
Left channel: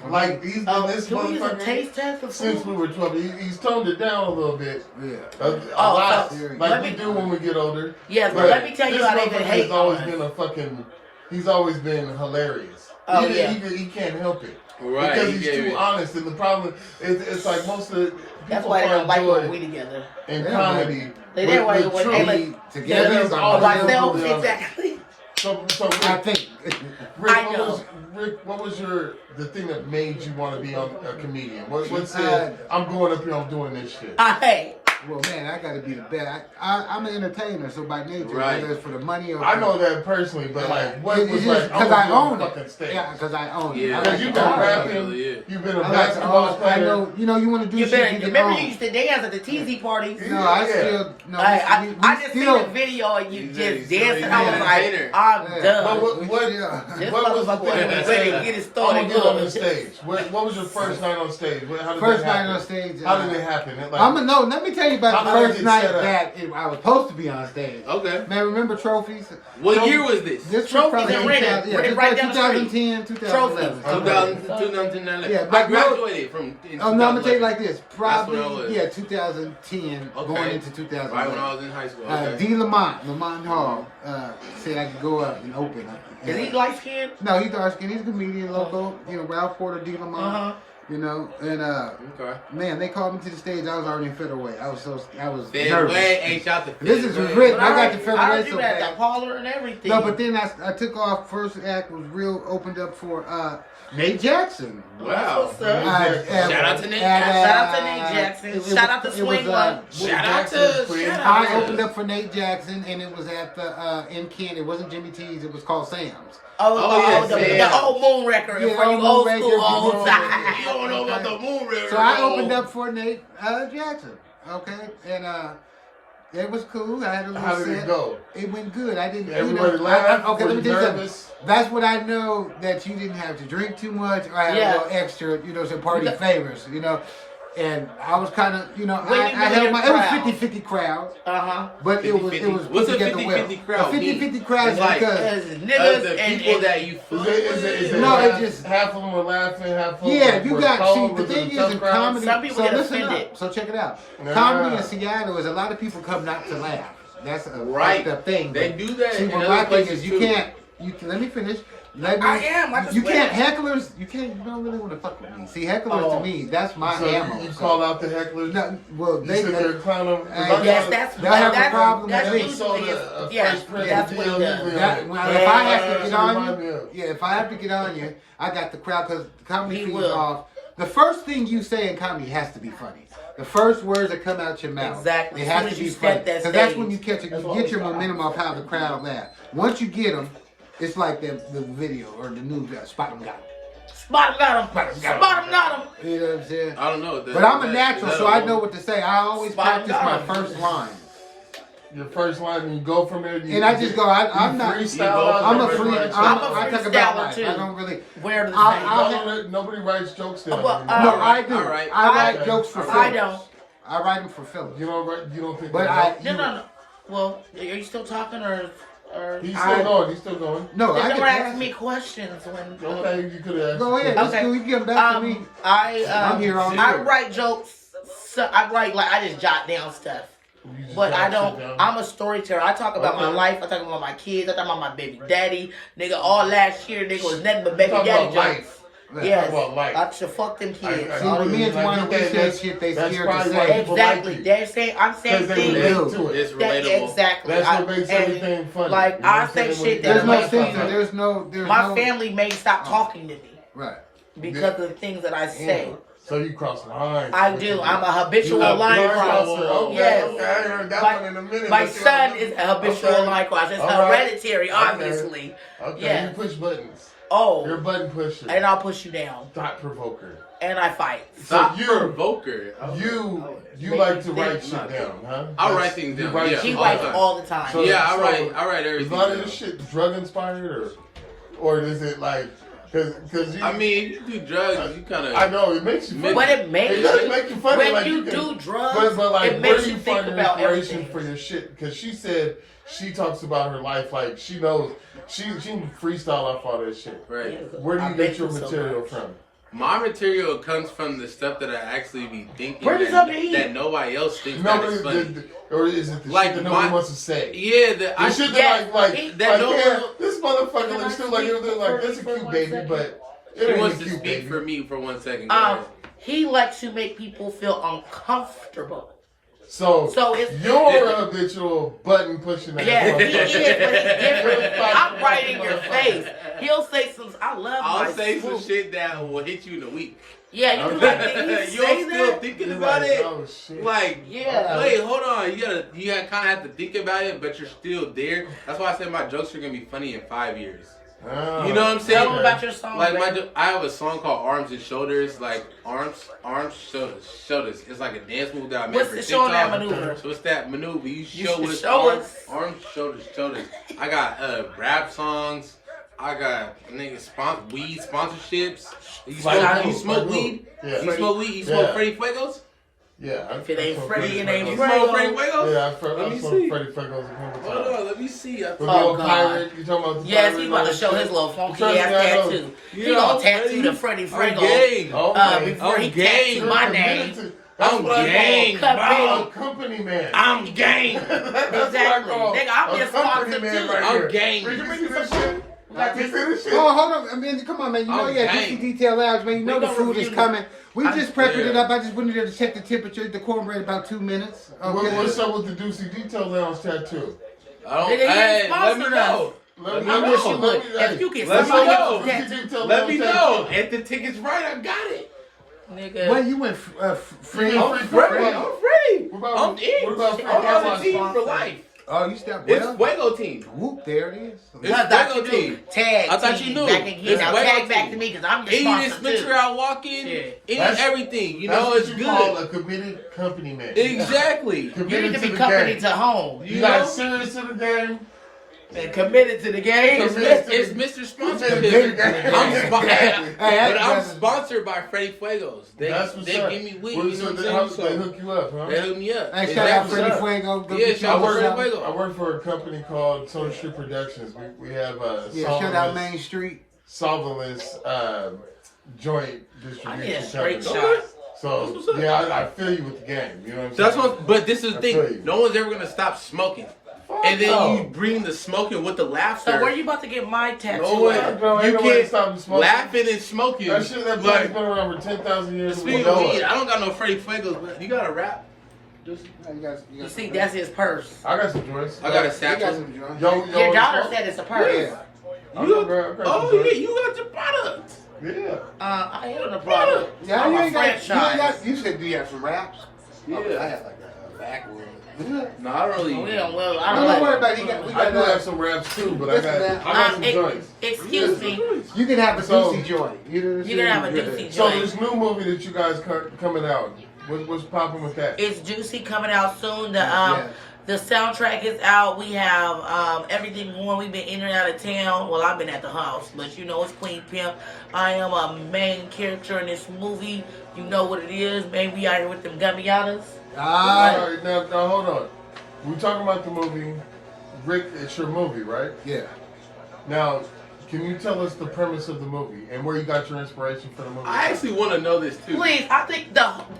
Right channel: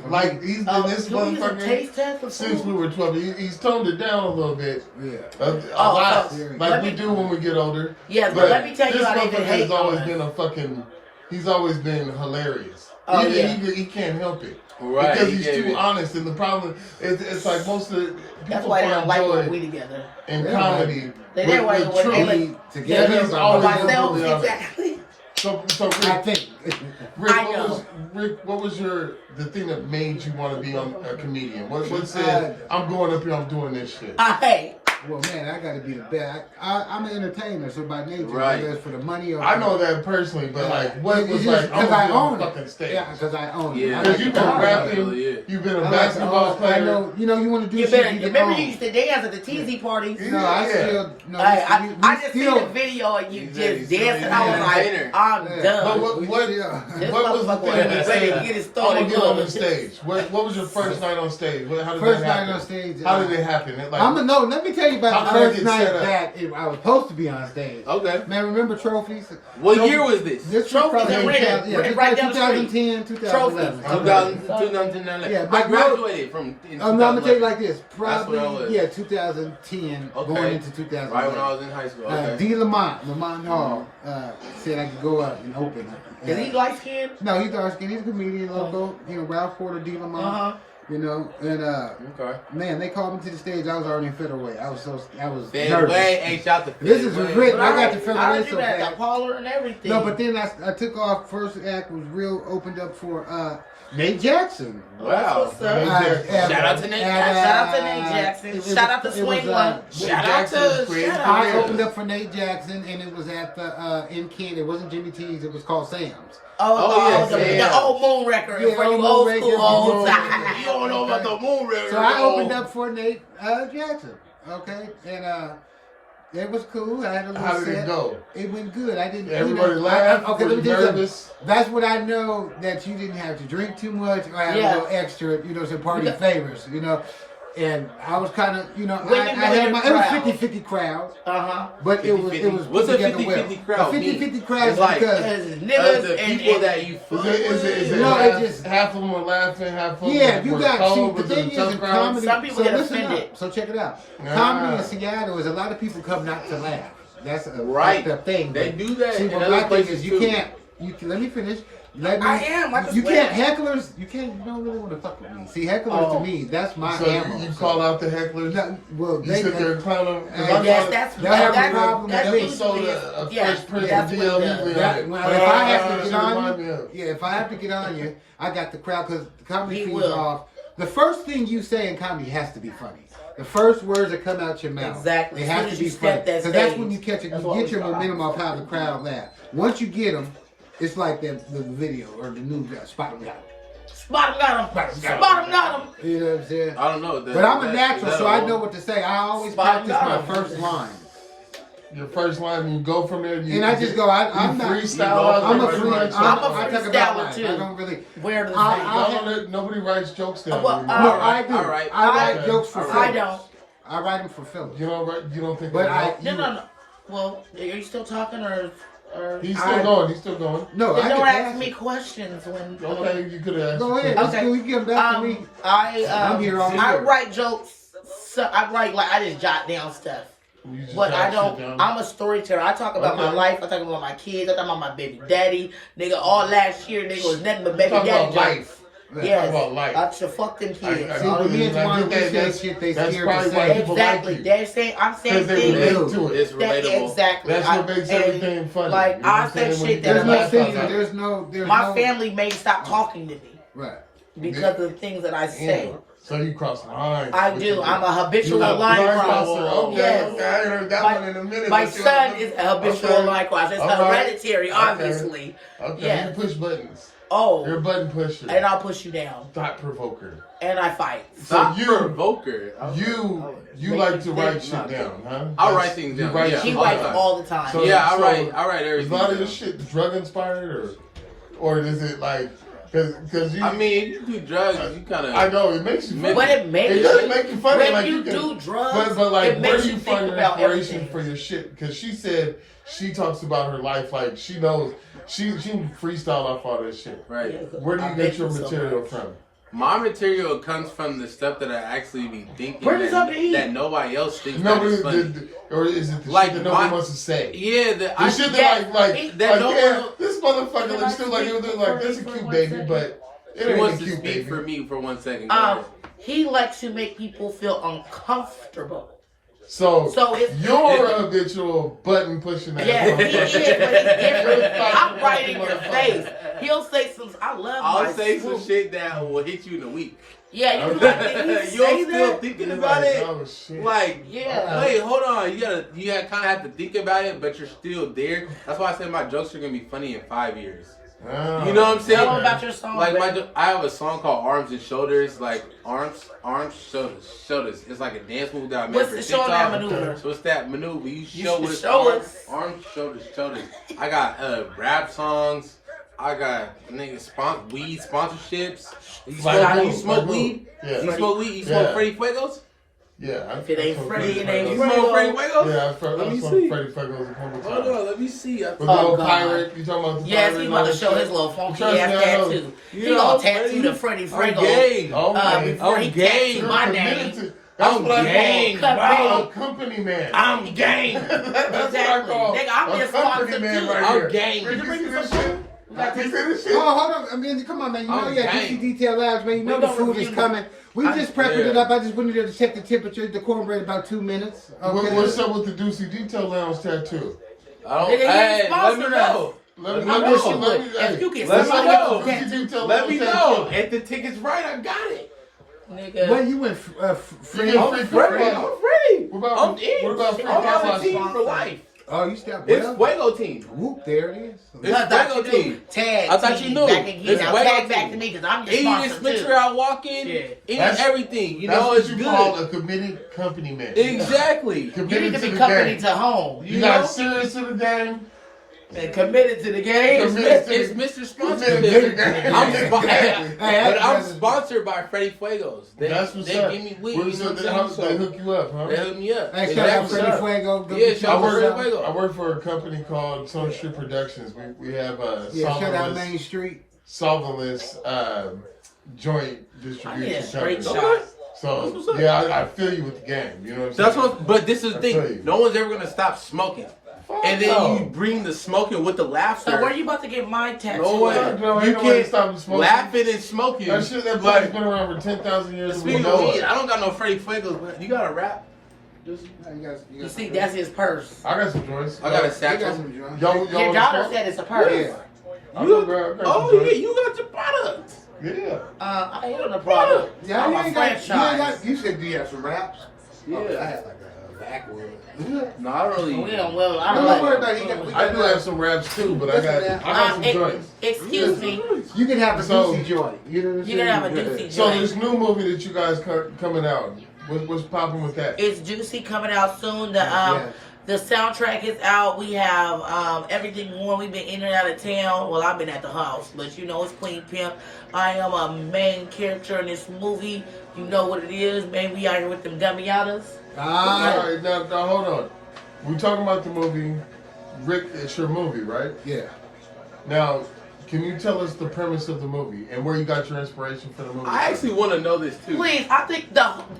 this motherfucker taste test since we were 12. He's toned it down a little bit. Yeah. Like we do when we get older. Yeah, but let me tell you how they've been hating on us. He's always been hilarious. Oh, He can't help it. Right. Because he's too honest. And the problem is, it's like most of the that's why they don't like when we together. In comedy. They didn't like when they like together by myself. Exactly. So I think. Rick, what was the thing that made you want to be a comedian? What said, I'm going up here, I'm doing this shit? Well, man, I got to be the best. I'm an entertainer, so by nature, right. whether it's for the money or I know that personally, but like, what was like? Because I own it. Stage. Yeah, because I own it. Yeah, because you've been rapping, you've been a basketball player. I know. You want to do. Remember you used to dance at the TZ parties? No, I still. No, I just seen the video and you just dancing. I was like, I'm done. What was ready to get it started? On the stage. What was your first night on stage? First night on stage. How did it happen? Let me tell you about the first night that I was supposed to be on stage. Okay. Man, remember trophies? What year was this? This Trophies was right down 2010, 2011. 2010. Yeah, I graduated from. No, I'm gonna tell you like this. Probably 2010, going into 2011. Right when I was in high school. Okay. D. Lamont Hall said I could go up and open. Is he light skinned? No, he's dark skinned. He's a comedian, local. Ralph Porter, D. Lamont. Man, they called me to the stage. I was already in featherweight. I was nervous. Ain't y'all the This is Rick. I got the featherweight. I heard you had the parlor and everything. No, but then I took off. First act was opened up for Nate Jackson. Wow. Shout out to Nate Jackson. Shout out to Swing One. Shout out to. I opened up for Nate Jackson, and it was at the in Kent. It wasn't Jimmy T's. It was called Sam's. The old Moon record for you old school old time. You don't know about the Moon record. So I opened up for Nate Jackson. Okay, and it was cool. I had a little set. How did it go? It went good. I didn't. Everybody laughed. Okay, let me tell you something. That's what I know, that you didn't have to drink too much or have a little extra, some party favors, And I was kind of, I held my, it was 50-50 crowd. But it was what's put a together well. 50-50 crowd? A 50-50 crowd is like, because niggas the and people that you half of them were laughing, half of them you were got, cold, the thing is in comedy, some people get offended. So check it out. Comedy in Seattle is a lot of people come not to laugh. That's a thing. They do that. See, what my thing is, you can't, let me finish. I just you can't hecklers. You don't really want to fuck with me. See, hecklers to me, that's my ammo. You call out the hecklers. No, well, you sit there and clown them. Yes, that's problem. That's usually that's what he does. If I have to get on you, if I have to get on you, I got the crowd because the comedy feeds off. The first thing you say in comedy has to be funny. The first words that come out your mouth, exactly. It has to be funny because that's when you get your momentum off how the crowd laughs. Once you get them. It's like the video or the news. Spot him, got him. Spot him, got him. Spot him, got him. You know what I'm saying? I don't know. But I'm a natural, so I know what to say. I always practice my first line. Your first line, and you go from there. And I just go. I'm not. I'm a freestyler too. I don't really. Where do the thing? Nobody writes jokes down. No, I do. All right. I write jokes for Phillips. I don't. I write them for Phillips. You don't think? But No. Well, are you still talking or? He's still going. He's still going. No, I don't can ask ask me questions when. Okay, you could have asked. Go ahead. me. It's cool. You can get back to me. I'm here all I year. write jokes. So I write like I just jot down stuff. But I don't. I'm a storyteller. I talk about my life. I talk about my kids. I talk about my baby daddy. Nigga, all last year, nigga was nothing but baby daddy jokes. Yes, I should fuck them kids. See, when me and Tawana, we say shit they scared to say. Exactly. They're saying, I'm saying things. It's relatable. Exactly. That's what makes everything funny. Like, I say shit that There's no censor. There's no. My family may stop talking to me. Right. Because of the things that I say. So you cross the line. I do. I'm a habitual line crosser. Yes. My son is a habitual line crosser. It's hereditary, obviously. Okay. Yeah. You push buttons. Oh. You're a button pusher. And I'll push you down. Thought provoker. And I fight. Thought provoker. You like to write shit down, huh? I'll write things down. Yeah, he writes all the time. So, I write everything. Is a lot of this shit drug inspired, or is it like? Because I mean, you do drugs, you kind of. I know it makes you. But it makes does make you funny when like you do drugs. But like, it makes you think about everything for your shit. Because she said she talks about her life like she knows. She freestyle off all that shit. Right. Where do you get your material from? My material comes from the stuff that I actually be thinking that nobody else thinks that is funny. Or is it the like shit that nobody wants to say? Yeah, the shit that no one. This motherfucker looks still like this is a cute baby, but he wants to speak for me for 1 second. He likes to make people feel uncomfortable. So it's you're a habitual button pushing. Yeah, he is, but he's different. I'm right in your face. He'll say some. I'll say some shit that will hit you in a week. Yeah, you like, you're still thinking about it. Oh, shit. Like, yeah. Wait, hold on. You kind of have to think about it, but you're still there. That's why I said my jokes are gonna be funny in 5 years. You know what I'm saying? Tell them about your song. Like I have a song called Arms and Shoulders. Like arms, shoulders. It's like a dance move that I made What's for the TikTok. show that maneuver? So it's that maneuver. You show us. Arms, shoulders. I got rap songs. I got weed sponsorships. You smoke weed? Yeah. You smoke weed? You smoke Freddy Fuegos? Yeah. If it ain't Freddy, it ain't You smoke Freddy Fuego. Fuegos? Yeah, let me see. see. Freddy Fuegos a couple times. Hold on, let me see. Oh, God. Pirate. You talking about the Yes, pirate he's about to show his little funky ass tattoo. He gonna tattoo the Freddy Fuego before he tattoo my name. I'm gang, bro. Company man. I'm gang. Exactly. Nigga, I'm just sponsored too. I'm gang. Oh, hold on. I mean, come on, man. You know you got Deucy Detail Labs, man. You know the food is coming. We just prepping it up. I just went in there to check the temperature. The cornbread about 2 minutes. Okay. What's up with the Deucy Detail Lounge tattoo? Let me know. Let me know. If you can let me know. Let me know. If the ticket's right, I got it. Nigga. Well, you went free. I'm ready. I'm in. I'm on the team for life. Oh, you stepped It's Fuego team. Whoop, there it is. It's Fuego team. Tag. I thought you knew. Back again. Now tag back to me because I'm just sponsored too. Any I walk in, any everything. You know, it's good. Call a committed company man. Exactly. You need to be company to home. You got serious to the game. And committed to the game. It's Mr. Sponsorship. I'm sponsored by Freddy Fuegos. They give me weed. You know what I'm saying? They hook you up, huh? They hook me up. Hey, shout out Freddy Fuego. Yeah, shout out Freddy Fuego. I work for a company called Sun Street Productions. We have shout out Main Street. Solventless joint distribution. I need a straight shot. So I feel you with the game. You know what I'm saying? But this is the thing. No one's ever gonna stop smoking. And then you bring the smoking with the laughter. So where are you about to get my tattoo? You can't stop laughing and smoking. That shit that been around for 10,000 years. Speaking of weed, I don't got no Freddy Fuegos, but you got a rap? You see, that's his purse. I got some joints. I got a satchel. Your daughter said it's a purse. Yeah. You got the product. Yeah. I ain't on the product. Yeah, I'm a franchise. You said, do you have some raps? Yeah. I have like a backwood. No, I don't really. I don't worry about it. I do have some raps too, but I got some joints. Excuse me. You can have a Deucy joint. You can have a Deucy So joint. this new movie that you guys coming out, what's popping with that? It's Deucy coming out soon. The soundtrack is out. We have everything going. We've been in and out of town. Well, I've been at the house, but you know it's Queen Pimp. I am a main character in this movie. You know what it is. Man, we out here with them gummy yadas. All right, now hold on. We talking about the movie. Rick, it's your movie, right? Yeah. Now, can you tell us the premise of the movie and where you got your inspiration for the movie? I actually want to know this too. Please, I think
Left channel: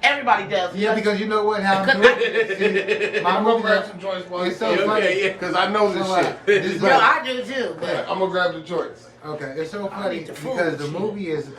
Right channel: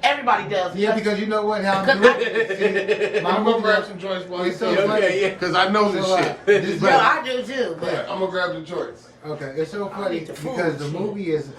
everybody does. Yeah, because you know what? How Because I'm gonna grab some joints while you say okay, because I know this shit. This Yo, I do too. But Right, I'm gonna grab the joints. Okay, it's so funny need the food, because the shit. movie is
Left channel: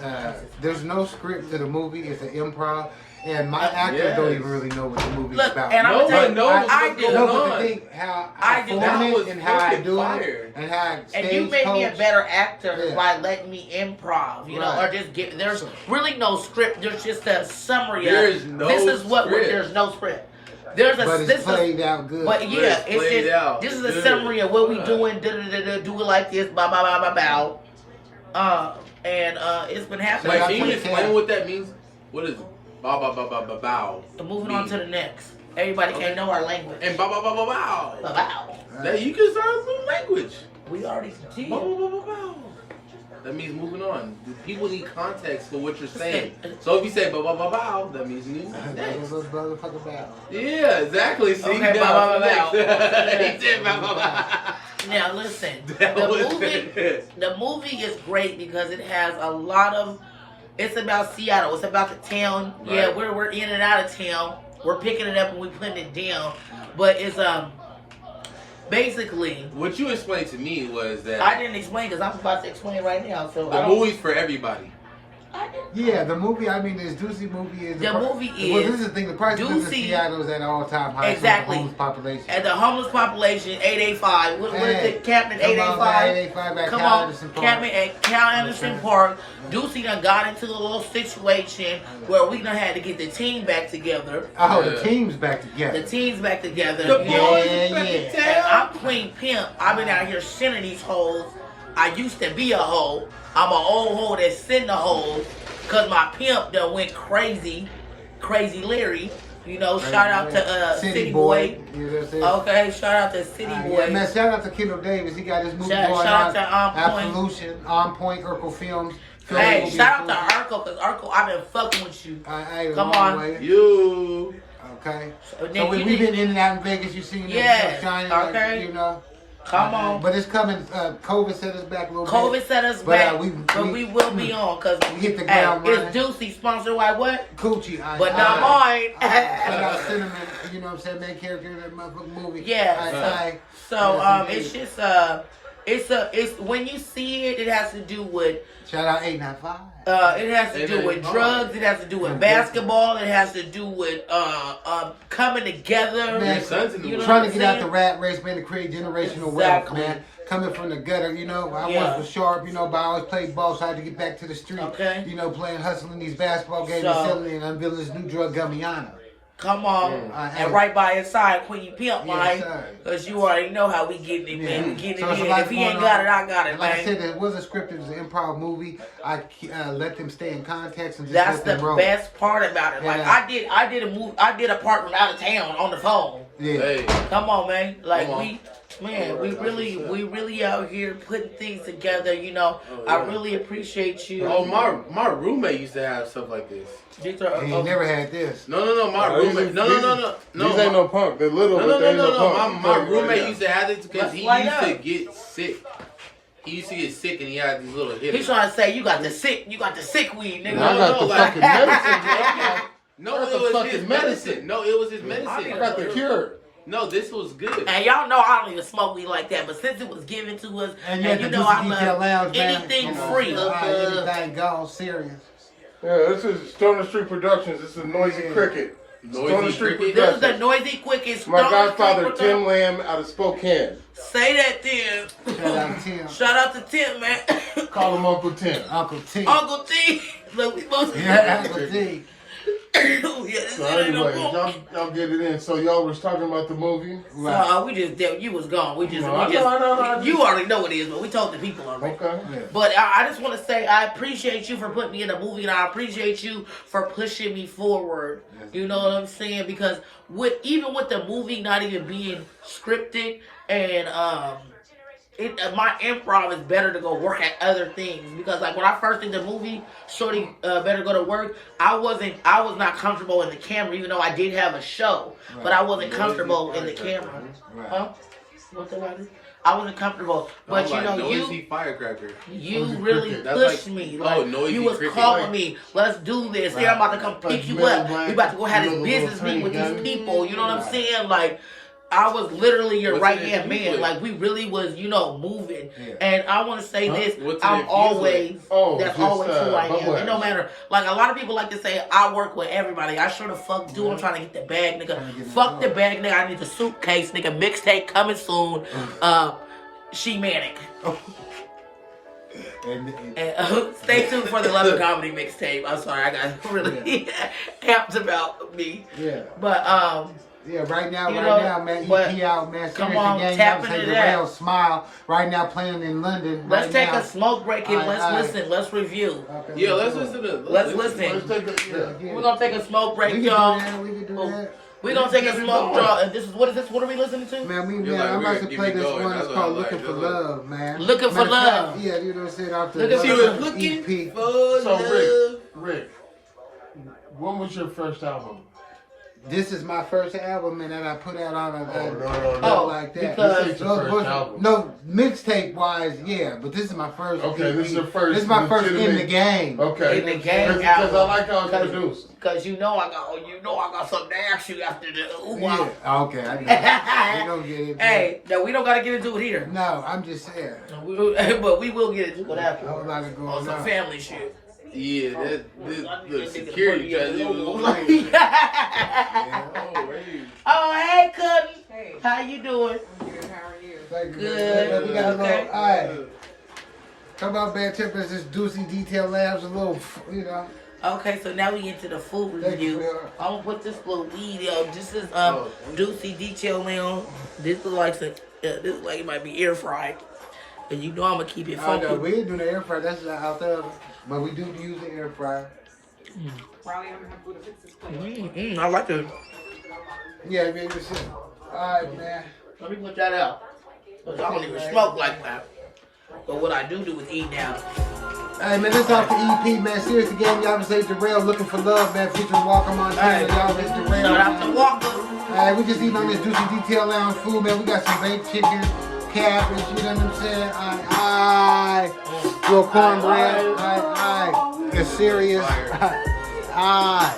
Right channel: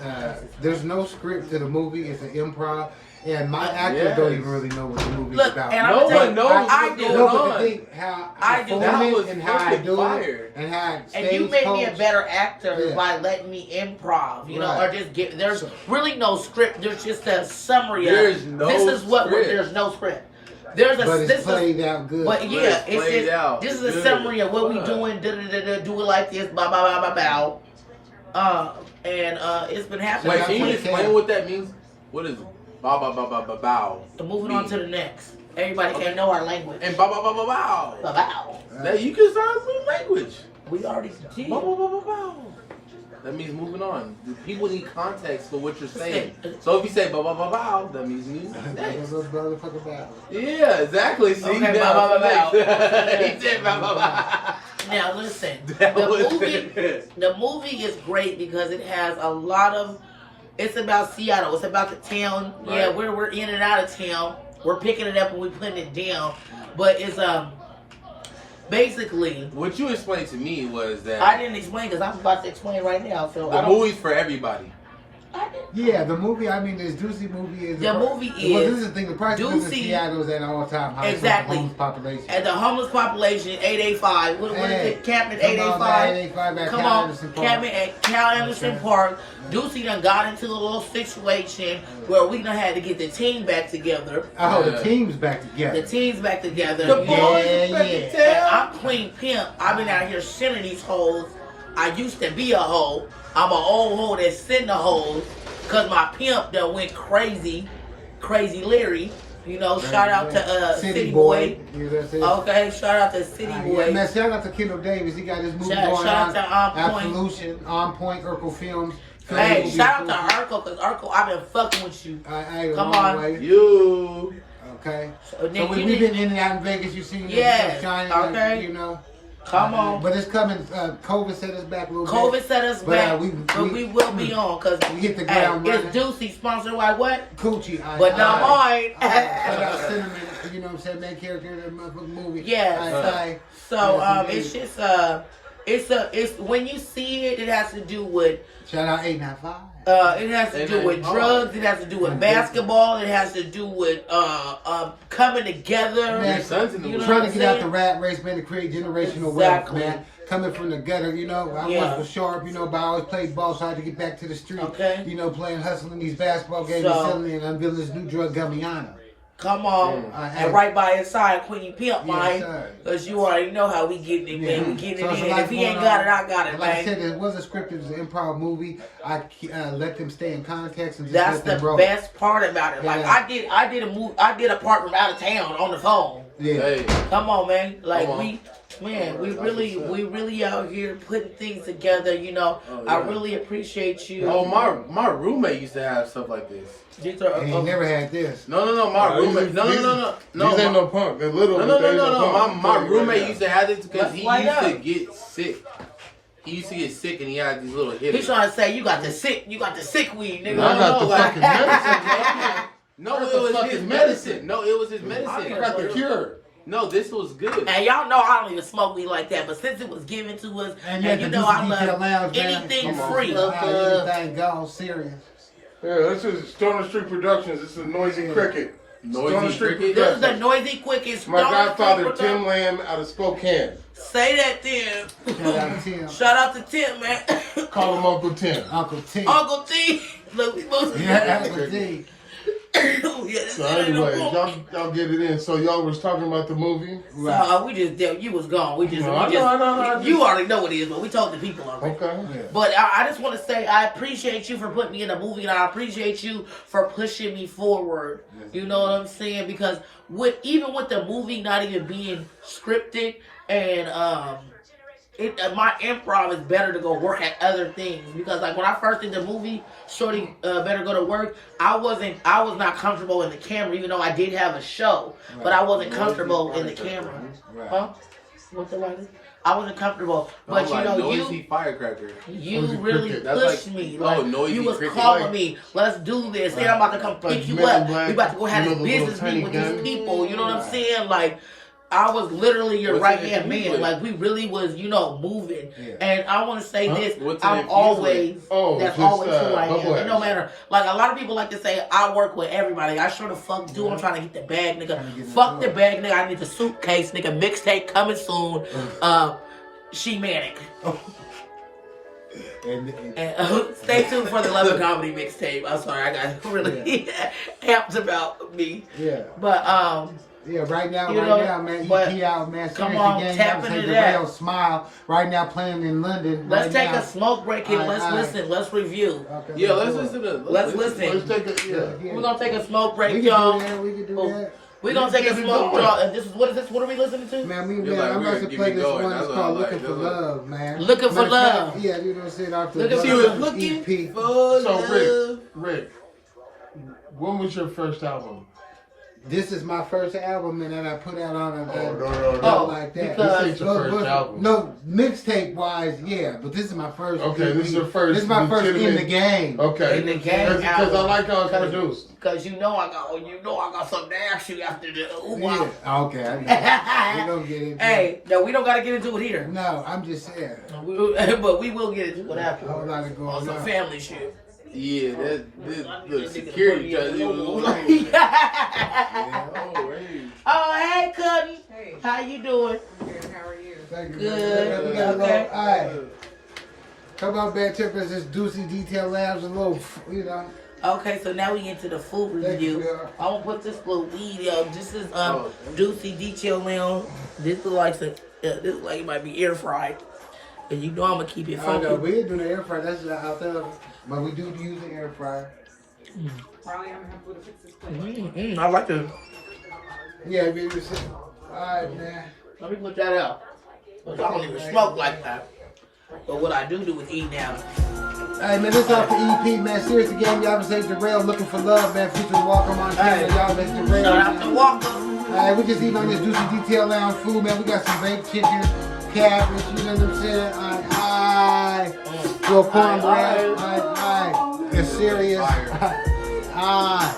there's no script to the movie. It's an improv, and my actors don't even really know what the movie's look, about. and I'm No gonna tell one you, knows I what's do. going no, on. but the thing, how I do. form That it was and how I fucking do fire. it and how I And you made me a coach. better actor Yeah. by letting me improv, you know, Right. or just get. There's really no script. There's just a summary. There's of, no This is what. script. There's no script. There's a. But this it's is. played out good. But yeah, Let's it's play it just. out. This is a Good. summary of what we Right. doing. Da, da, da, da, do it like this. Bow, bow, bow, bow, bow. And it's been happening. Wait, I can you think explain that- what that means? What is bow bow bow bow bow bow? Moving on to the next. Everybody Okay. can't know our language. And bow bow bow bow bow. Bow, bow. That you can start a new language. We already did. Bow bow bow bow bow. That means moving on. The people need context for what you're saying. So if you say bow bow bow bow, that means new. That's a motherfucker battle. Yeah, exactly. See, Okay, now bow, bow, it's bow, next. bow. He said bow bow bow. Now listen, That was the movie is great because it has a lot of. It's about Seattle. It's about the town. Right. Yeah, we're in and out of town. We're picking it up and we're putting it down. But it's basically. What you explained to me was that I didn't explain because I'm about to explain right now. So the movie's for everybody. I didn't. Yeah, the movie. I mean, this Deucy movie is The movie Well, is- this is the thing. The price of Deucy- Seattle is at all time high. Exactly. For the homeless population. And the homeless population, 885. What is Hey, it? Cabinet come on, 885. 885 at Come Cal on, Anderson Park. Cabinet at Cal Anderson Okay. Park. Deucy done got into a little situation where we done had to get the team back together. Oh, Yeah. the team's back together. The team's back together. The you know. boys Yeah, is back yeah. in And town. I'm Queen Pimp. I've been out here sending these hoes. I used to be a hoe. I'm an old hoe that's sitting a hoe. Cause my pimp done went crazy. Crazy Larry. You know, shout out to City Boy. You know what I'm saying? Okay, shout out to City Boy. Yeah, man, shout out to Kendall Davis. He got his movie Shout going out to On Point. Absolution, On Point, Urkel Films. Hey, Movie shout out to Approved. Urkel, cause Urkel, I've been fucking with you. Hey, Come long on. way. You. Okay. So, So Nick, we've you been in and out in Vegas. You seen Yes, it shining, okay. you know. come on. But it's coming. COVID set us back a little bit. COVID set us But, back, we- but we will be on, cause we hit the hey, ground it's Deucy sponsored by what? Coochie. But not mine. Shout out Cinnamon. You know what I'm saying? Main character of that motherfucking movie. Yeah, So it's just it's when you see it, it has to do with Shout out 895. it has to do with 895. drugs. It has to do with basketball. It has to do with coming together. Man, Your son's in the you movie. know Trying what to I'm get out saying? the rat race, man, to create generational Exactly. wealth, man. Coming from the gutter, you know, I Yeah. was for sharp, you know, but I always played ball, so I had to get back to the street. Okay. You know, playing, hustling these basketball games, So- and selling and unveiling this new drug, Gummiana. Come on, Yeah. and right by his side, Queen Pimp, Yes, man, sir. because you already know how we getting it, man. We getting So it it's a in. lot If he going ain't got on. it, I got it, And like I man. said, it was a script. It was an improv movie. I let them stay in context and just That's let the them roll. best part about it. Like Yeah. I did a part from out of town on the phone. Yeah. Hey. Come on, man. Like Come on. we really out here putting things together. You know, Oh, I yeah. really appreciate you. Oh, my roommate used to have stuff like this. These are, He never had this. No, my roommate. No. These ain't no punk. They're little. No. but they ain't punk. My roommate used to have this because Let's he light used to up. get sick. He used to get sick and he had these little hitters. He's trying to say you got the sick weed, nigga. No, like no, That's it a was fucking his medicine. medicine. No, it was his I medicine. need Got the cure. No, this was good. And y'all know I don't even smoke weed like that, but since it was given to us, And and you you got know the I Deucy love Lounge, man. anything Come on. free. Everything gone serious. Yeah, this is Stoner Street Productions. This is Noisy Yeah. Cricket. Noisy Stoner Street Cricket? This is the Productions. noisy quickest. My godfather, Tim Lamb, out of Spokane. Say that then. Shout out Tim. Shout out to Tim, man. Call him Uncle Tim. Uncle T. Uncle T. Look, we supposed to. Yeah, Uncle T. Yeah, this So ain't no anyway, book. y'all get it in. So y'all was talking about the movie. So we just did. You was gone. We just. I know. You already know what it is, but we told the people already. Okay. Yeah. But I just want to say I appreciate you for putting me in a movie, and I appreciate you for pushing me forward. You know what I'm saying? Because even with the movie not even being scripted, and my improv is better to go work at other things. Because like when I first did the movie, Shorty Better Go to Work, I was not comfortable in the camera, even though I did have a show, but I wasn't comfortable in the camera. Right. Huh? What the lighter? I wasn't comfortable, but you know, noisy firecracker. You really That's pushed like, me. oh, Like noisy you was cricket, calling like, me. Let's do this. Right. I'm about to come pick you up. We about to go have this business meeting with these people. You know what I'm saying? Like. I was literally your right hand man. With? Like we really was, you know, moving. Yeah. And I want to say this: What's I'm always that's just, always who I am. bubble It no matter. Like a lot of people like to say, I work with everybody. I sure the fuck do. I'm trying to get the bag, nigga. Fuck the bag, nigga. I need the suitcase, nigga. Mixtape coming soon. She manic. And stay tuned for the Love and Comedy mixtape. I'm sorry, I got really amped about me. Yeah. But yeah, right now, man, EP out, man. Come on, tap into that. Smile. Right now, playing in London. Let's take a smoke break here. Let's listen. Let's review. Okay, yeah, let's listen to. Let's listen. We're gonna take a smoke break, y'all. We can do that. We're gonna take a smoke draw. And this is what is this? What are we listening to? Man, like, I'm about to play this going. one. It's That's called what I'm "Looking for like. Love," man. Looking for love. Yeah, you know what I'm saying? Out the Looking EP. for So love. Rick, when was your first album? This is my first album, and that I put out on No. like that. Because- This ain't your first album. No, mixtape wise, yeah, but this is my first. Okay, EP. this is your first. This is my first in the legitimate- game. Okay. In the game Because album. I like how it's produced. Cause you know I got something to ask you after the Yeah. Okay, I know. We're gonna get into it. Hey, no, we don't gotta get into it here. No, I'm just saying. But we will get into it after. A whole lot of going On some on. family shit. Yeah, this security trying to Oh, hey, Cuddy. Hey. How you doing? Good, how are you? Thank you. Good. We got a Okay. little, all right. Come on, Bad Tippers, this Deucy Detail Labs, a little, you know. Okay, so now we into the food Thank you, review. Bill. I'm gonna put this little weed out. This is Deucy Detail Lounge. This is like it might be air fried. And you know I'm gonna keep it I funky. know, we ain't doing the air fryer, that's out there. But we do use the air fryer. Probably I'm gonna have to fix this place. I like it. Yeah, baby, shit. All right, man. Let me put that out. 'Cause I don't even smoke like that. But what I do is eat now. Hey, man, this off the EP, man. Seriously, game, y'all say Darrell, Looking for Love, man. Featuring Walker Montana, Hey. y'all say Darrell. Shout out to Walker. Alright, we just eating on this Deucy Detail Lounge food, man. We got some baked chicken, cabbage, you know what I'm saying? Alright. Little cornbread. Alright. It's serious. Alright.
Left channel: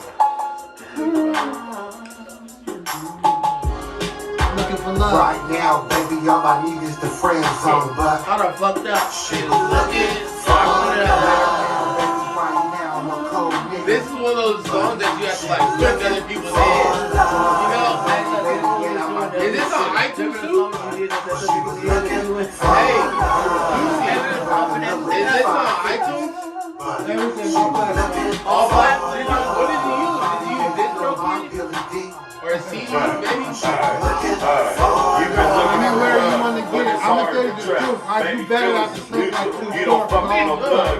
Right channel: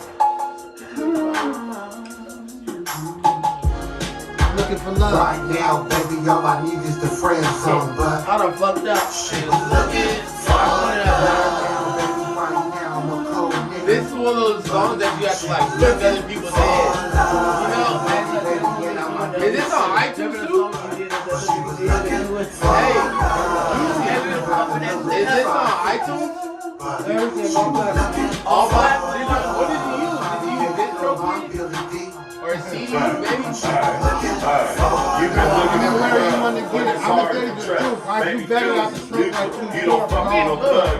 Looking for love. Right now, baby, all I need is the friend zone, but I done fucked up. Shit, look it. So I put it out This is one of those songs that you have to like lift other people's heads. You know? Is this on iTunes too? Hey, is this on iTunes? All platforms? What did you use? Did you use DistroKid? Or CD, baby? Anywhere you want to get it. I'm going to tell you the truth. I do better at the smoke like two stores.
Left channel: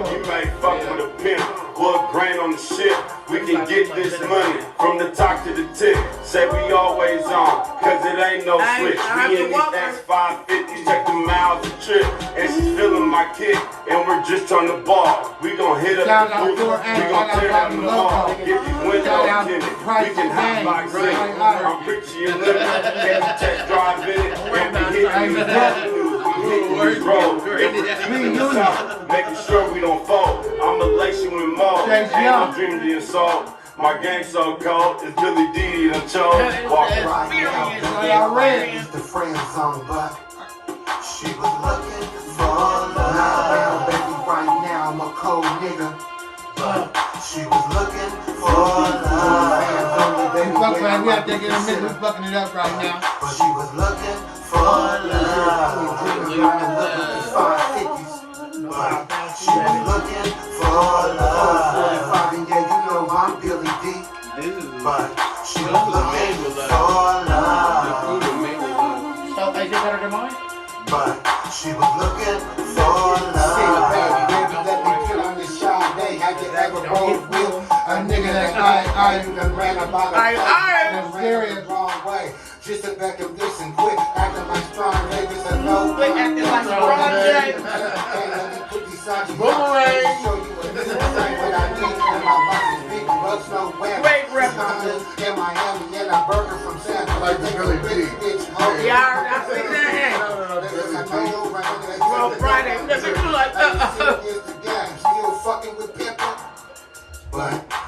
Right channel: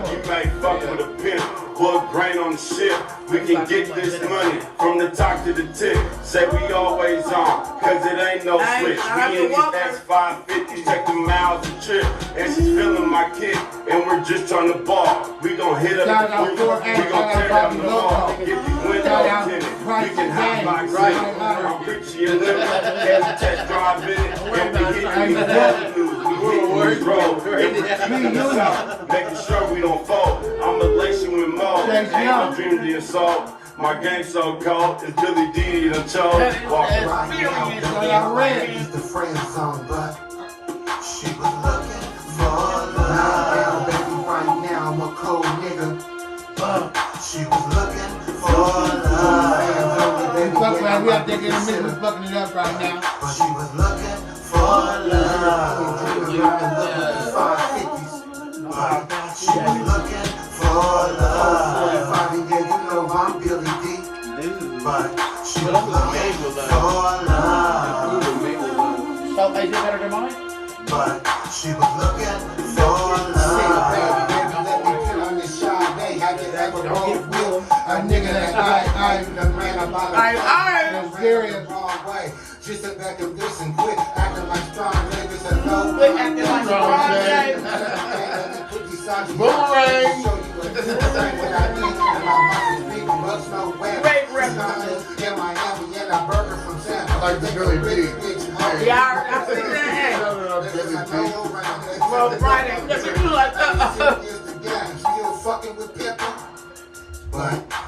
You may fuck with a pimp, blood grain on the ship. We can get this money from the top to the tip. Say we always on, cause it ain't no switch. We in this X550, check the miles a trip. And she's feeling my kick, and we're just trying to ball. We gon' hit up Shout the out street, to we our gon' aunt, tear shout out them to all. Loco. If you win, Shout I'll out get to it. Price We can and hop Bang. like Right. I'm Richie and Loco. Test drive in it. Don't worry about it. Making sure we don't fall. I'm a lacing with Mo. Thanks, Ain't y'all. no dream of the assault. My game so cold, it's Billy D and a chore. Walk around. Experience. the friend zone, but she was looking for love. Now, baby, right now, I'm a cold nigga. She was looking for love. We fucking right. We out there getting a minute. We fucking it up right now. But she was looking for love. She was looking for love. And yeah, you know I'm Billy D. This is But she this was was made with looking love. for love. The food was made with love. So is it better than mine? But she was looking for love. A nigga that I serious. Just to back and listen quick after my strong niggas are no. Quit acting like a project. Great references. I like Billy D. Yeah, I see that. on Friday. Let me do like Still fucking with Pepper. But